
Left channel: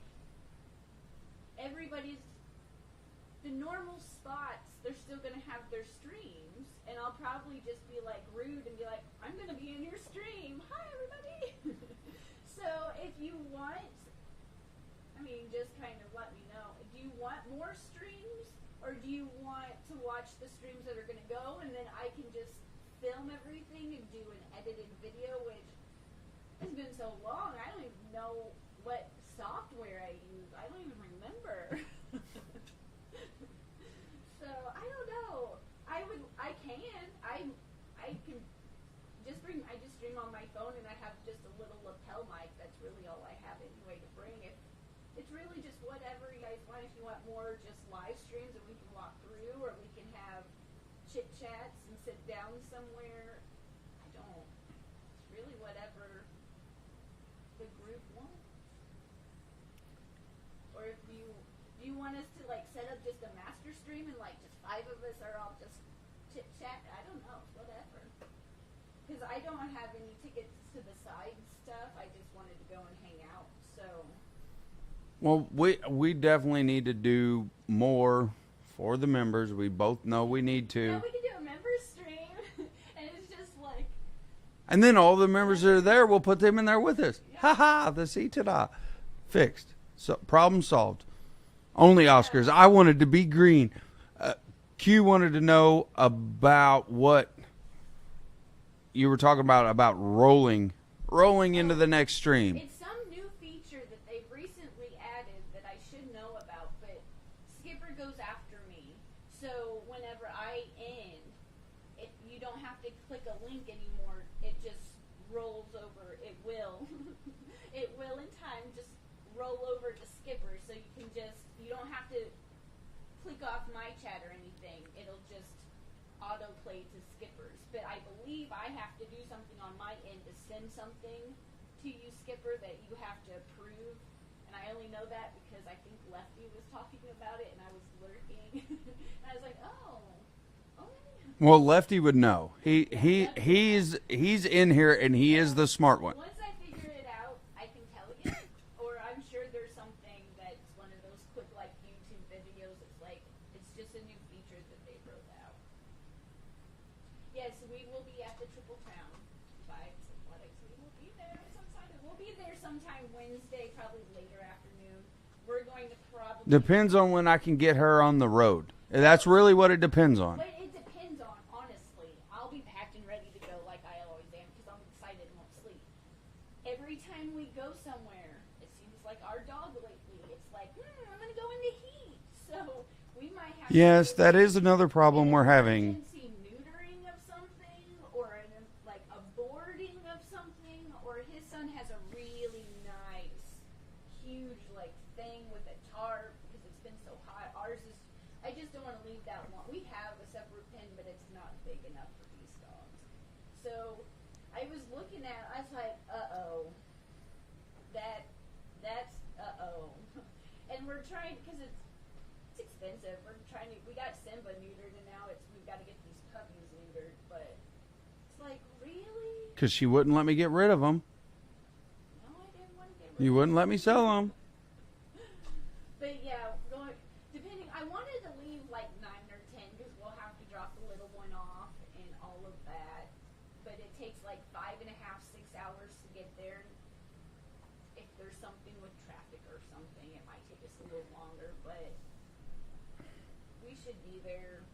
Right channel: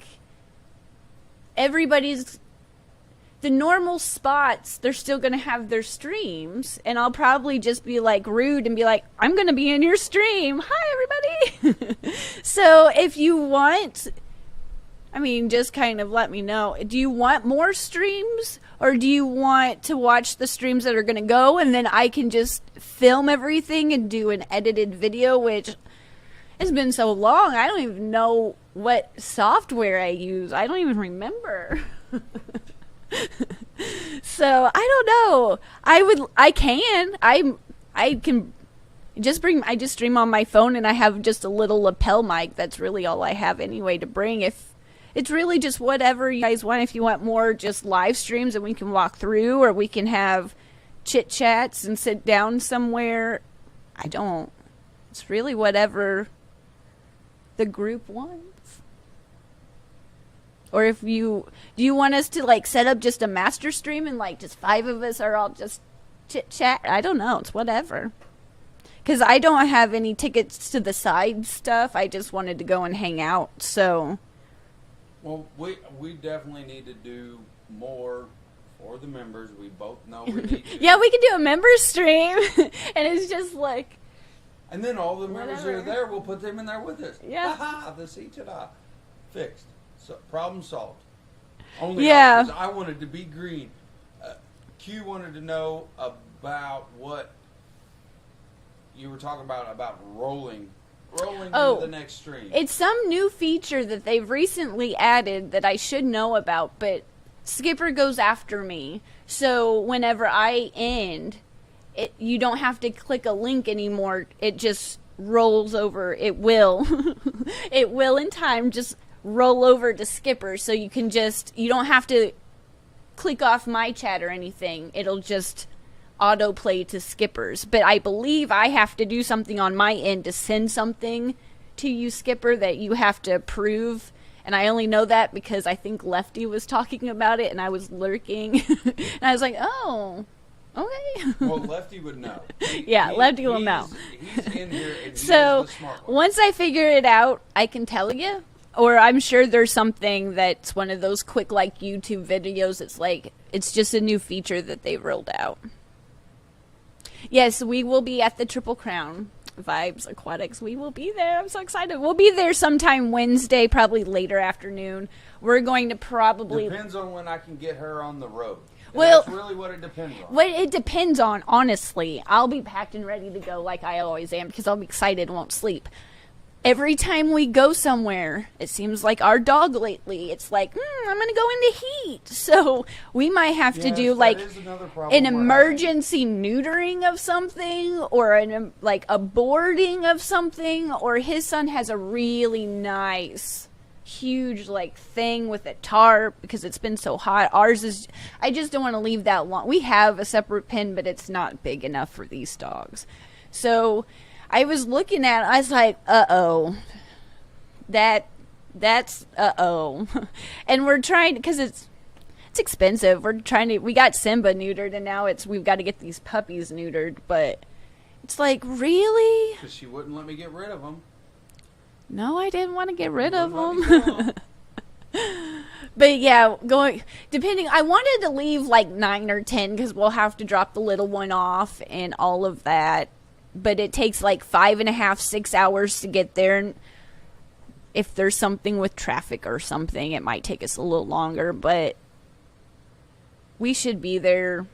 the normal spots, they're still going to have their streams, and I'll probably just be like rude and be like, I'm going to be in your stream. Hi, everybody. So if you want, just kind of let me know. Do you want more streams, or do you want to watch the streams that are going to go, and then I can just film everything and do an edited video, which has been so long, I don't even know what software I use. I don't even remember. So I don't know. I can just stream on my phone, and I have just a little lapel mic. That's really all I have anyway to bring. If it's really just whatever you guys want. If you want more just live streams and we can walk through, or we can have chit chats and sit down somewhere. It's really whatever the group wants. Or do you want us to set up just a master stream and just 5 of us are all just chit chat? I don't know. It's whatever. Because I don't have any tickets to the side stuff. I just wanted to go and hang out. So, Well, we definitely need to do more for the members. We both know we need to. Yeah, we can do a members stream. And it's just And then all the members that are there, we'll put them in there with us. Yeah. Ha-ha, the C-ta-da. Fixed. So, problem solved. Only Yeah. Oscars. I wanted to be green. Q wanted to know about what you were talking about rolling into the next stream. It's some new feature that they've recently added that I should know about, but Skipper goes after me. So whenever I end, you don't have to click a link anymore. It just rolls over. It will. It will in time just roll over to Skipper, so you don't have to click off my chat or anything. It'll just autoplay to Skipper's. But I believe I have to do something on my end to send something to you, Skipper, that you have to approve. And I only know that because I think Lefty was talking about it, and I was lurking. And I was like, oh, okay. Well, Lefty would know. Lefty will know. He's in here, and he is So, the smart one. Once I figure it out, I can tell you. Or I'm sure there's something that's one of those quick, YouTube videos. It's just a new feature that they rolled out. Yes, we will be at the Triple Crown Vibes Aquatics. We will be there. I'm so excited. We'll be there sometime Wednesday, probably later afternoon. We're going to probably... Depends on when I can get her on the road. Well, that's really what it depends on. What it depends on, honestly. I'll be packed and ready to go like I always am because I'll be excited and won't sleep. every time we go somewhere, it seems like our dog lately, it's like, I'm going to go into heat. So we might have to do like that is another problem an we're emergency neutering of something, or like a boarding of something. Or his son has a really nice, huge like thing with a tarp because it's been so hot. Ours is, I just don't want to leave that long. We have a separate pen, but it's not big enough for these dogs. So I was looking at it, I was like, that's and we're trying, because it's expensive. We got Simba neutered, and now we've got to get these puppies neutered, but it's like, really? Because she wouldn't let me get rid of them. No, I didn't want to get rid of them. Wouldn't let me sell them. But yeah, I wanted to leave like 9 or 10 because we'll have to drop the little one off and all of that. But it takes like 5.5, 6 hours to get there. And if there's something with traffic or something, it might take us a little longer. But we should be there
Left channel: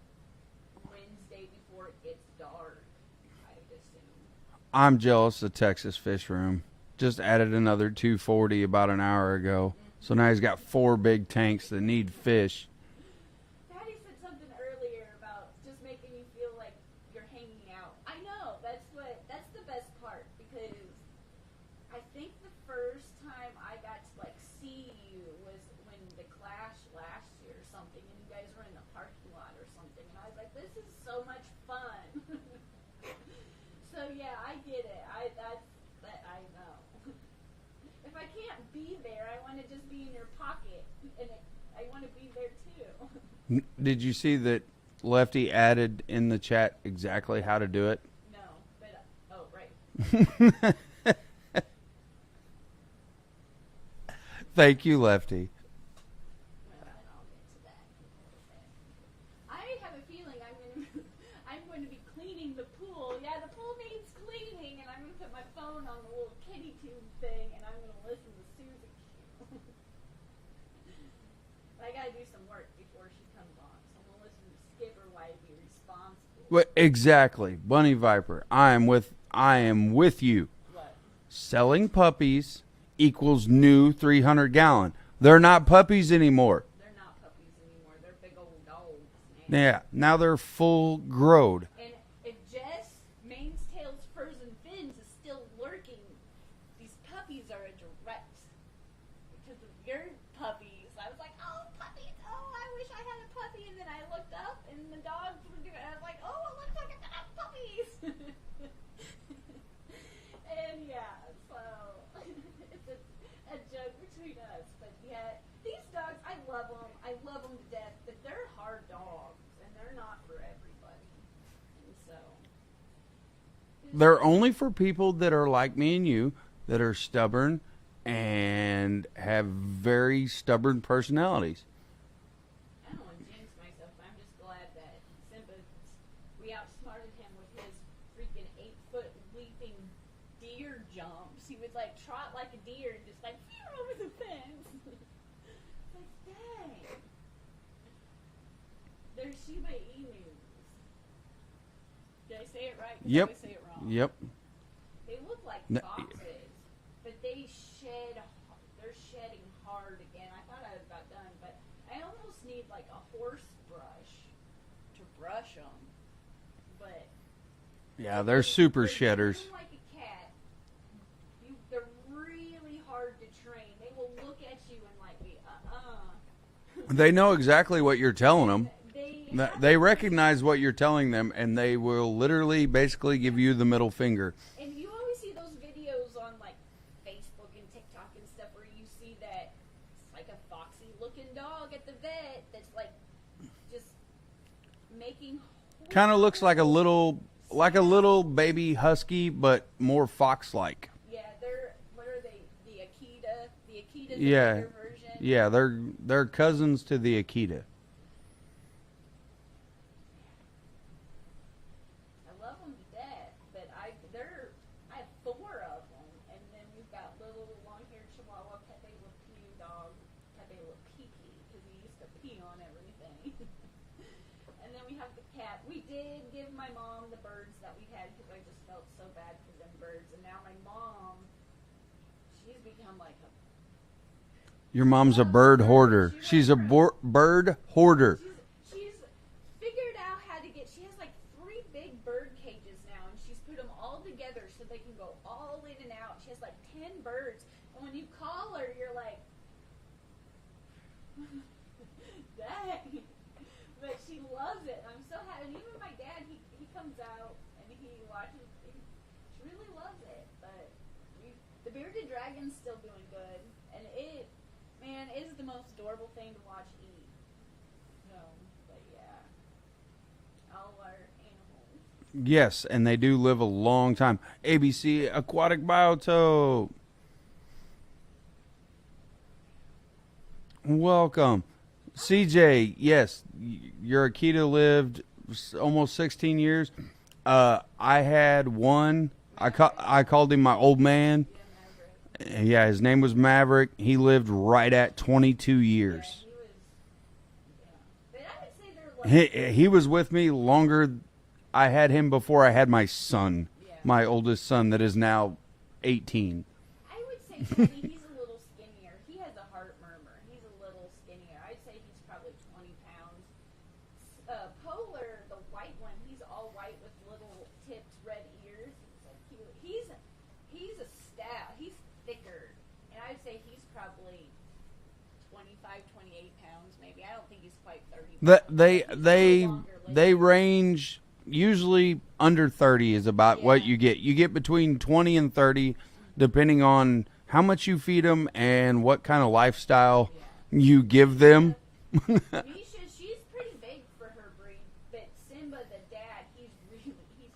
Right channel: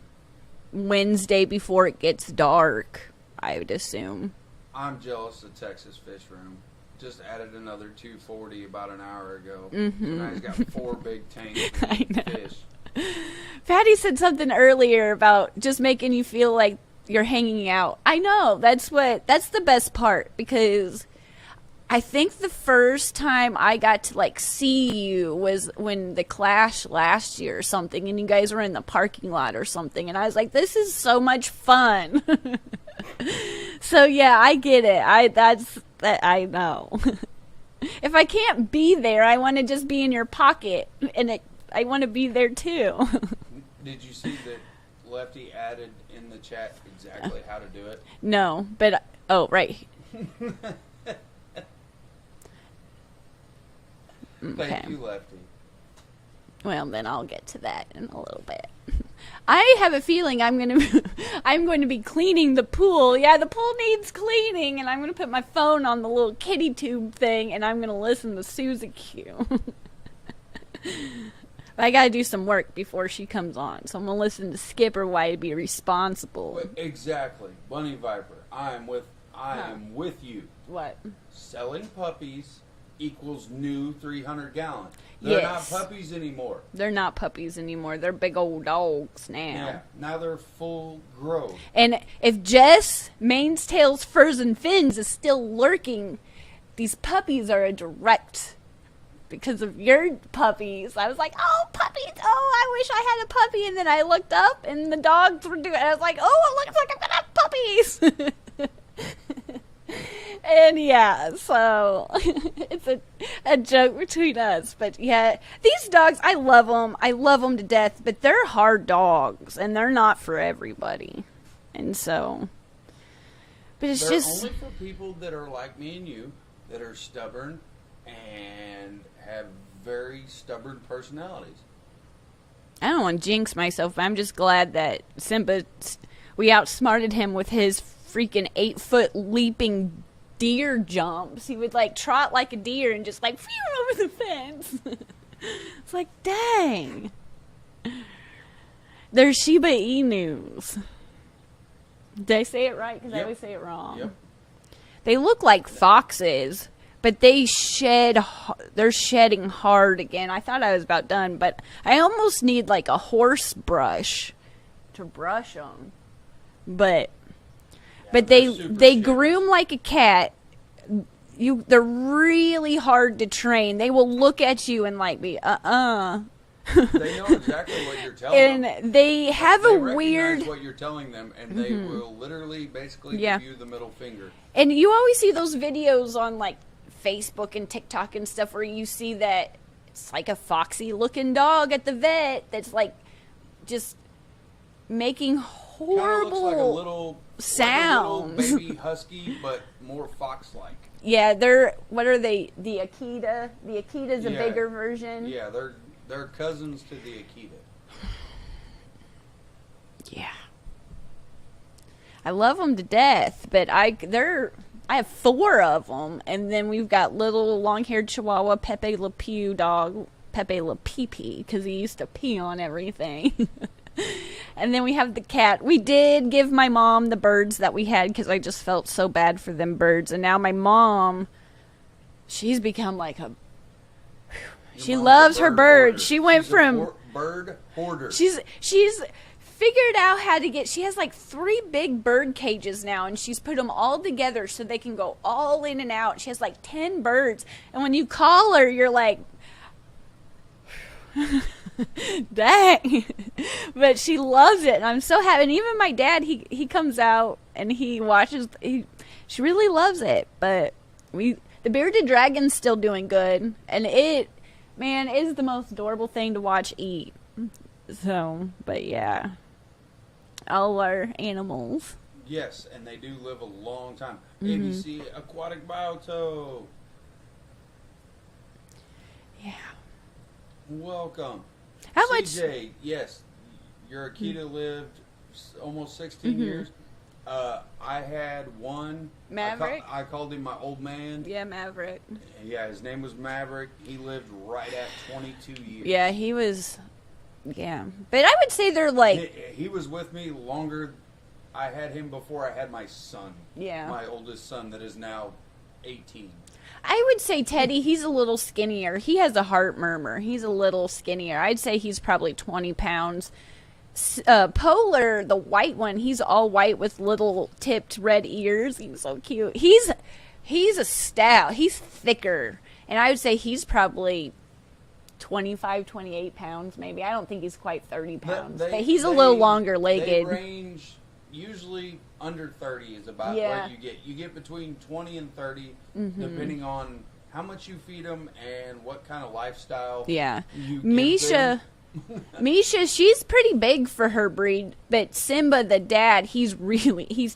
Wednesday before it gets dark, I would assume. I'm jealous of Texas Fish Room. Just added another 240 about an hour ago. So now he's got 4 big tanks that need fish. Patty said something earlier about just making you feel like you're hanging out. I know, that's the best part, because I think the first time I got to like see you was when the Clash last year or something, and you guys were in the parking lot or something, and I was like, this is so much fun. So yeah, I get it. I know. If I can't be there, I want to just be in your pocket, and I want to be there too. Did you see that Lefty added in the chat exactly how to do it? No, but right. Thank you, Lefty. Well, then I'll get to that in a little bit. I have a feeling I'm going to be cleaning the pool. Yeah, the pool needs cleaning, and I'm going to put my phone on the little kitty tube thing, and I'm going to listen to Susie Q. I got to do some work before she comes on, so I'm going to listen to Skipper Why to Be Responsible. Well, exactly. Bunny Viper, I am with you. What? Selling puppies equals new 300-gallon. They're not puppies anymore. They're not puppies anymore. They're big old dogs now. Yeah, now they're full growed. And if Jess, Mane's Tails, Furs, and Fins is still lurking, these puppies are a direct because of your puppies. I was like, oh, puppies. Oh, I wish I had a puppy. And then I looked up, and the dogs were doing it. I was like, oh, it looks like I'm going to have puppies. And yeah, so it's a joke between us. But yeah, these dogs, I love them. I love them to death. But they're hard dogs, and they're not for everybody. And so, but it's they're just only for people that are like me and you, that are stubborn and have very stubborn personalities. I don't want to jinx myself, but I'm just glad that Simba, we outsmarted him with his freaking 8-foot leaping deer jumps. He would like trot like a deer and just like phew over the fence. It's like, dang. They're Shiba Inus. Did I say it right? Because I always say it wrong. Yep. They look like foxes, but they're shedding hard again. I thought I was about done, but I almost need like a horse brush to brush them. But they groom like a cat. They're really hard to train. They will look at you and like be They know exactly what you're telling them. And they recognize what you're telling them, and they will literally basically give you the middle finger. And you always see those videos on like Facebook and TikTok and stuff where you see that it's like a foxy looking dog at the vet that's like just making horrible kind of looks like a little baby husky, but more fox-like. Yeah, what are they? The Akita. The Akita's a bigger version. Yeah, they're cousins to the Akita. Yeah, I love them to death, but I have 4 of them, and then we've got little long-haired Chihuahua Pepe Le Pew dog, Pepe Le Pee Pee, because he used to pee on everything. And then we have the cat. We did give my mom the birds that we had because I just felt so bad for them birds. And now my mom she's become like a. Your She mom's loves a her bird bird. hoarder. She went She's from a bird hoarder. She's figured out how to get. She has like 3 big bird cages now, and she's put them all together so they can go all in and out. She has like 10 birds, and when you call her, you're like, dang. But she loves it, and I'm so happy. And even my dad, he comes out and he watches. She really loves it. But the bearded dragon's still doing good, and it is the most adorable thing to watch eat. So, but yeah, all our animals. Yes, and they do live a long time. ABC Aquatic Biotope. Yeah. Welcome. How much- CJ, yes, your Akita lived almost 16 years. I had one. Maverick? I called him my old man. Yeah, Maverick. Yeah, his name was Maverick. He lived right at 22 years. Yeah, he was. Yeah, but I would say they're like. He was with me longer. I had him before I had my son. Yeah. My oldest son that is now 18. I would say Teddy, he's a little skinnier. He has a heart murmur. He's a little skinnier. I'd say he's probably 20 pounds. Polar, the white one, he's all white with little tipped red ears. He's so cute. He's a stout. He's thicker. And I would say he's probably 25, 28 pounds maybe. I don't think he's quite 30 pounds. But he's a little longer legged. They range usually under 30 is about what you get. You get between 20 and 30 depending on how much you feed them and what kind of lifestyle you give them. Misha, she's pretty big for her breed, but Simba, the dad, he's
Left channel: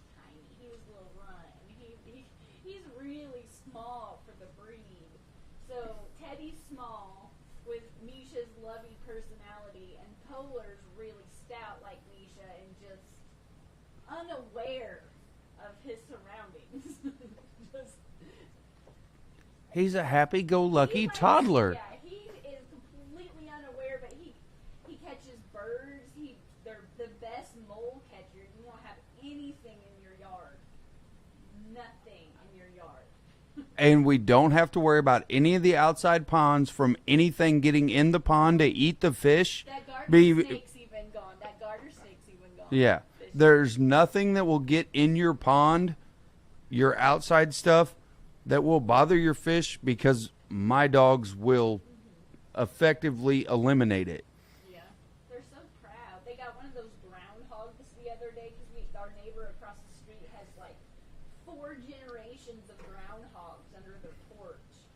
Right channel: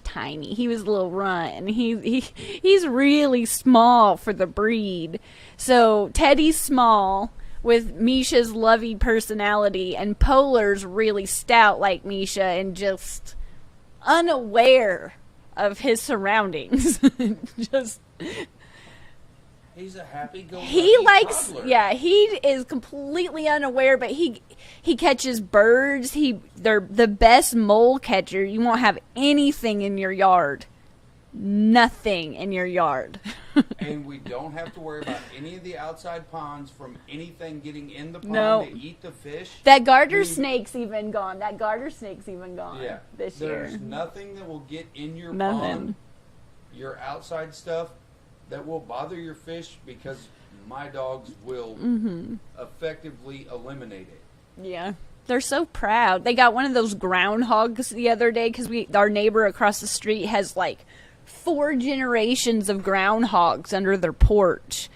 tiny. He was a little runt, and he's really small for the breed. So Teddy's small with Misha's lovey personality, and Polar's really stout like Misha and just unaware of his surroundings. He's a happy-go-lucky toddler. Yeah, he is completely unaware, but he catches birds. They're the best mole catcher. You won't have anything in your yard. Nothing in your yard. And we don't have to worry about any of the outside ponds from anything getting in the pond to eat the fish. That garter snake's even gone. Yeah. There's nothing that will get in your pond, your outside stuff, that will bother your fish because my dogs will effectively eliminate it. Yeah. They're so proud. They got one of those groundhogs the other day because our neighbor across the street has like 4 generations of groundhogs under their porch.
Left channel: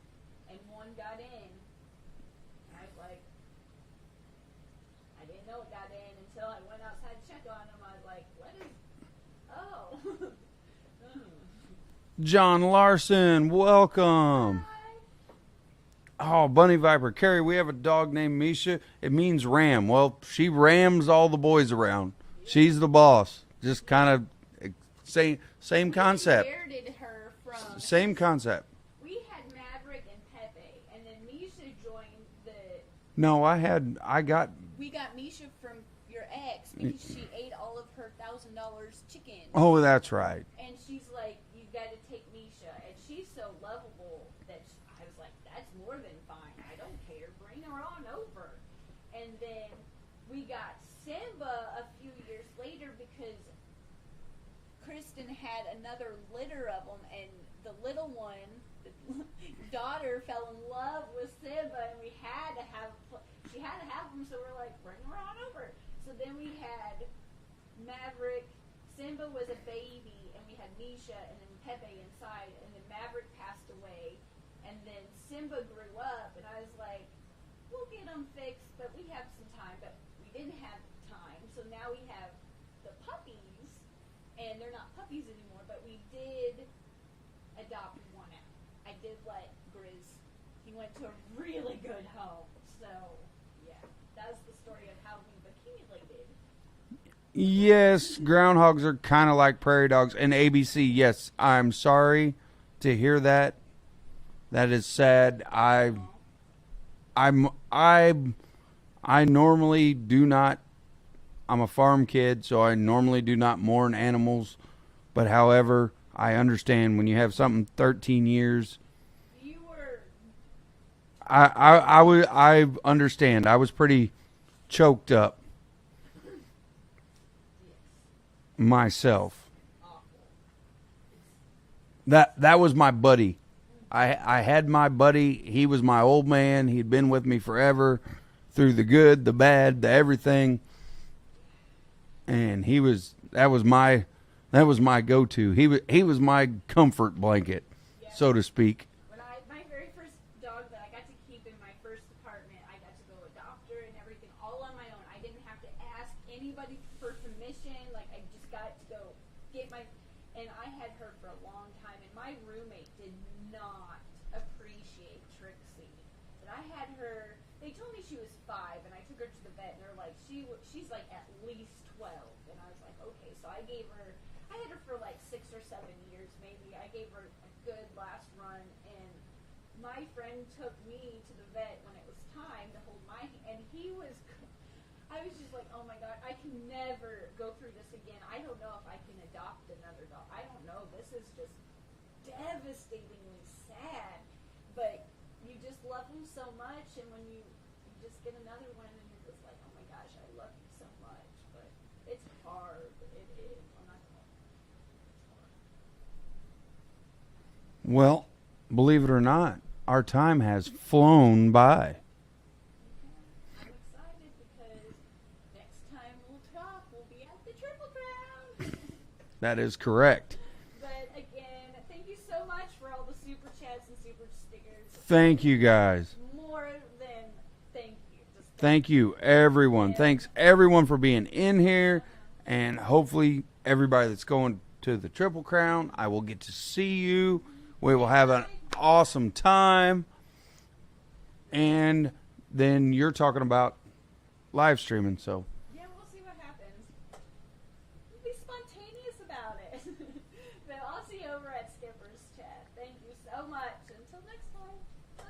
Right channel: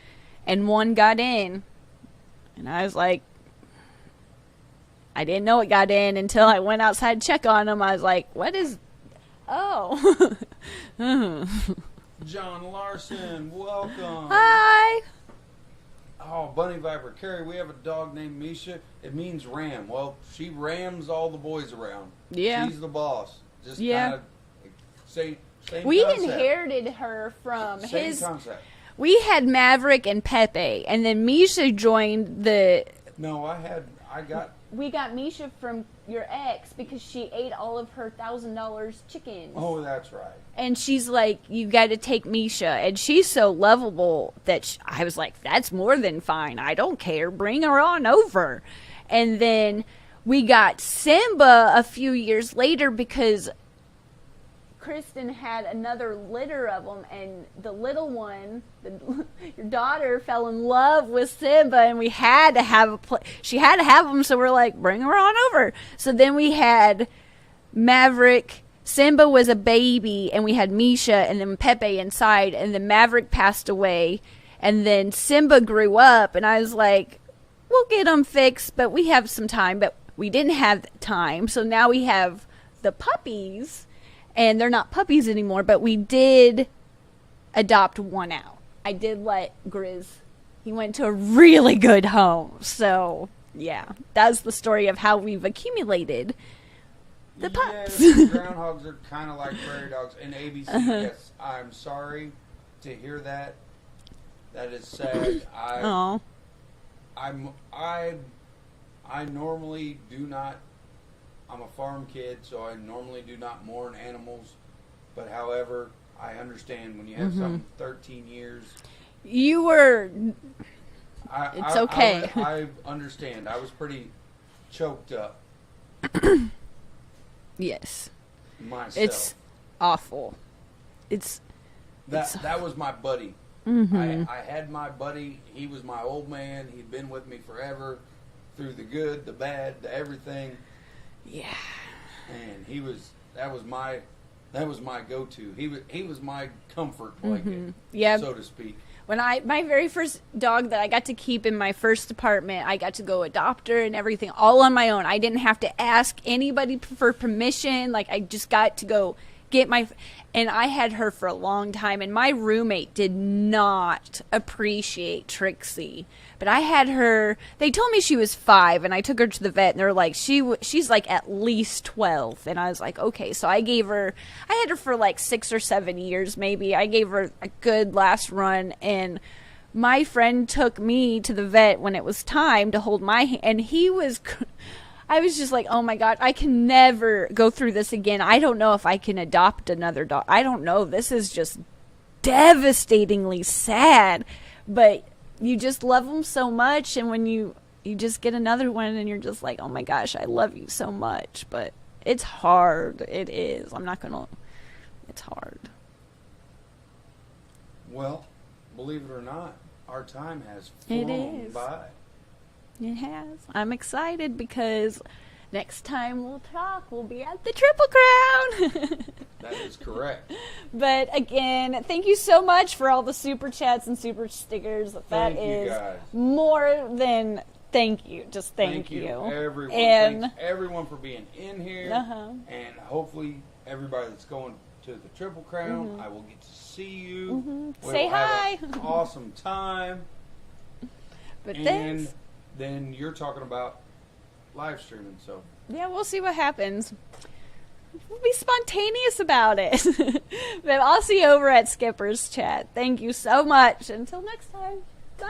And one got in. And I was like, I didn't know it got in until I went outside to check on him. I was like, what is... Oh. John Larson, welcome. Hi. Oh, Bunny Viper. Kerri, we have a dog named Misha. It means ram. Well, she rams all the boys around. Yeah. She's the boss. Just kind of same concept. We inherited her from Same concept. We had Maverick and Pepe, and then Misha joined the... No, We got Misha from your ex because she ate all of her $1,000 chicken. Oh, that's right. And she's like, you got to take Misha. And she's so lovable that I was like, that's more than fine. I don't care. Bring her on over. And then we got Simba a few years later because Kristen had another litter of them. And the little one, your daughter, fell in love with Simba. And we had to have she had to have them. So we're like, bring her on over. So then we had Maverick. Simba was a baby, and we had Misha and then Pepe inside, and then Maverick passed away, and then Simba grew up, and I was like, we'll get them fixed, but we have some time, but we didn't have time, so now we have the puppies, and they're not puppies anymore, but we did adopt one out. I did let Grizz, he went to a really good home, so yeah, that's the story of how we've accumulated. Yes, groundhogs are kind of like prairie dogs. And ABC, yes, I'm sorry to hear that. That is sad. I normally do not. I'm a farm kid, so I normally do not mourn animals. But however, I understand when you have something 13 years You were. I understand. I was pretty choked up Yes. myself. It's awful. It's. That was my buddy. Mm-hmm. I had my buddy. He was my old man. He'd been with me forever, through the good, the bad, the everything. Yeah. And that was my go-to. He was my comfort blanket, Yeah. so to speak. When my very first dog that I got to keep in my first apartment, I got to go adopt her and everything all on my own. I didn't have to ask anybody for permission. Like, I just got to go get and I had her for a long time, and my roommate did not appreciate Trixie. But I had her, they told me she was 5, and I took her to the vet, and they're like, she's like at least 12. And I was like, okay. So I had her for like 6 or 7 years maybe. I gave her a good last run, and my friend took me to the vet when it was time to hold my hand, and I was just like, oh my God, I can never go through this again. I don't know if I can adopt another dog. I don't know. This is just devastatingly sad. But you just love them so much. And when you just get another one and you're just like, oh my gosh, I love you so much. But it's hard. It is. It's hard. Well, believe it or not, our time has flown by. It has. I'm excited because next time we'll talk, we'll be at the Triple Crown. That is correct. But again, thank you so much for all the super chats and super stickers. Thank you, guys. More than thank you. Just thank you. Everyone. And thanks everyone for being in here. And hopefully everybody that's going to the Triple Crown, I will get to see you. We Say will have hi. an awesome time. But And thanks. then you're talking about live streaming, so Yeah, we'll see what happens. We'll be spontaneous about it. But I'll see you over at Skipper's Chat. Thank you so much. Until next time. Bye.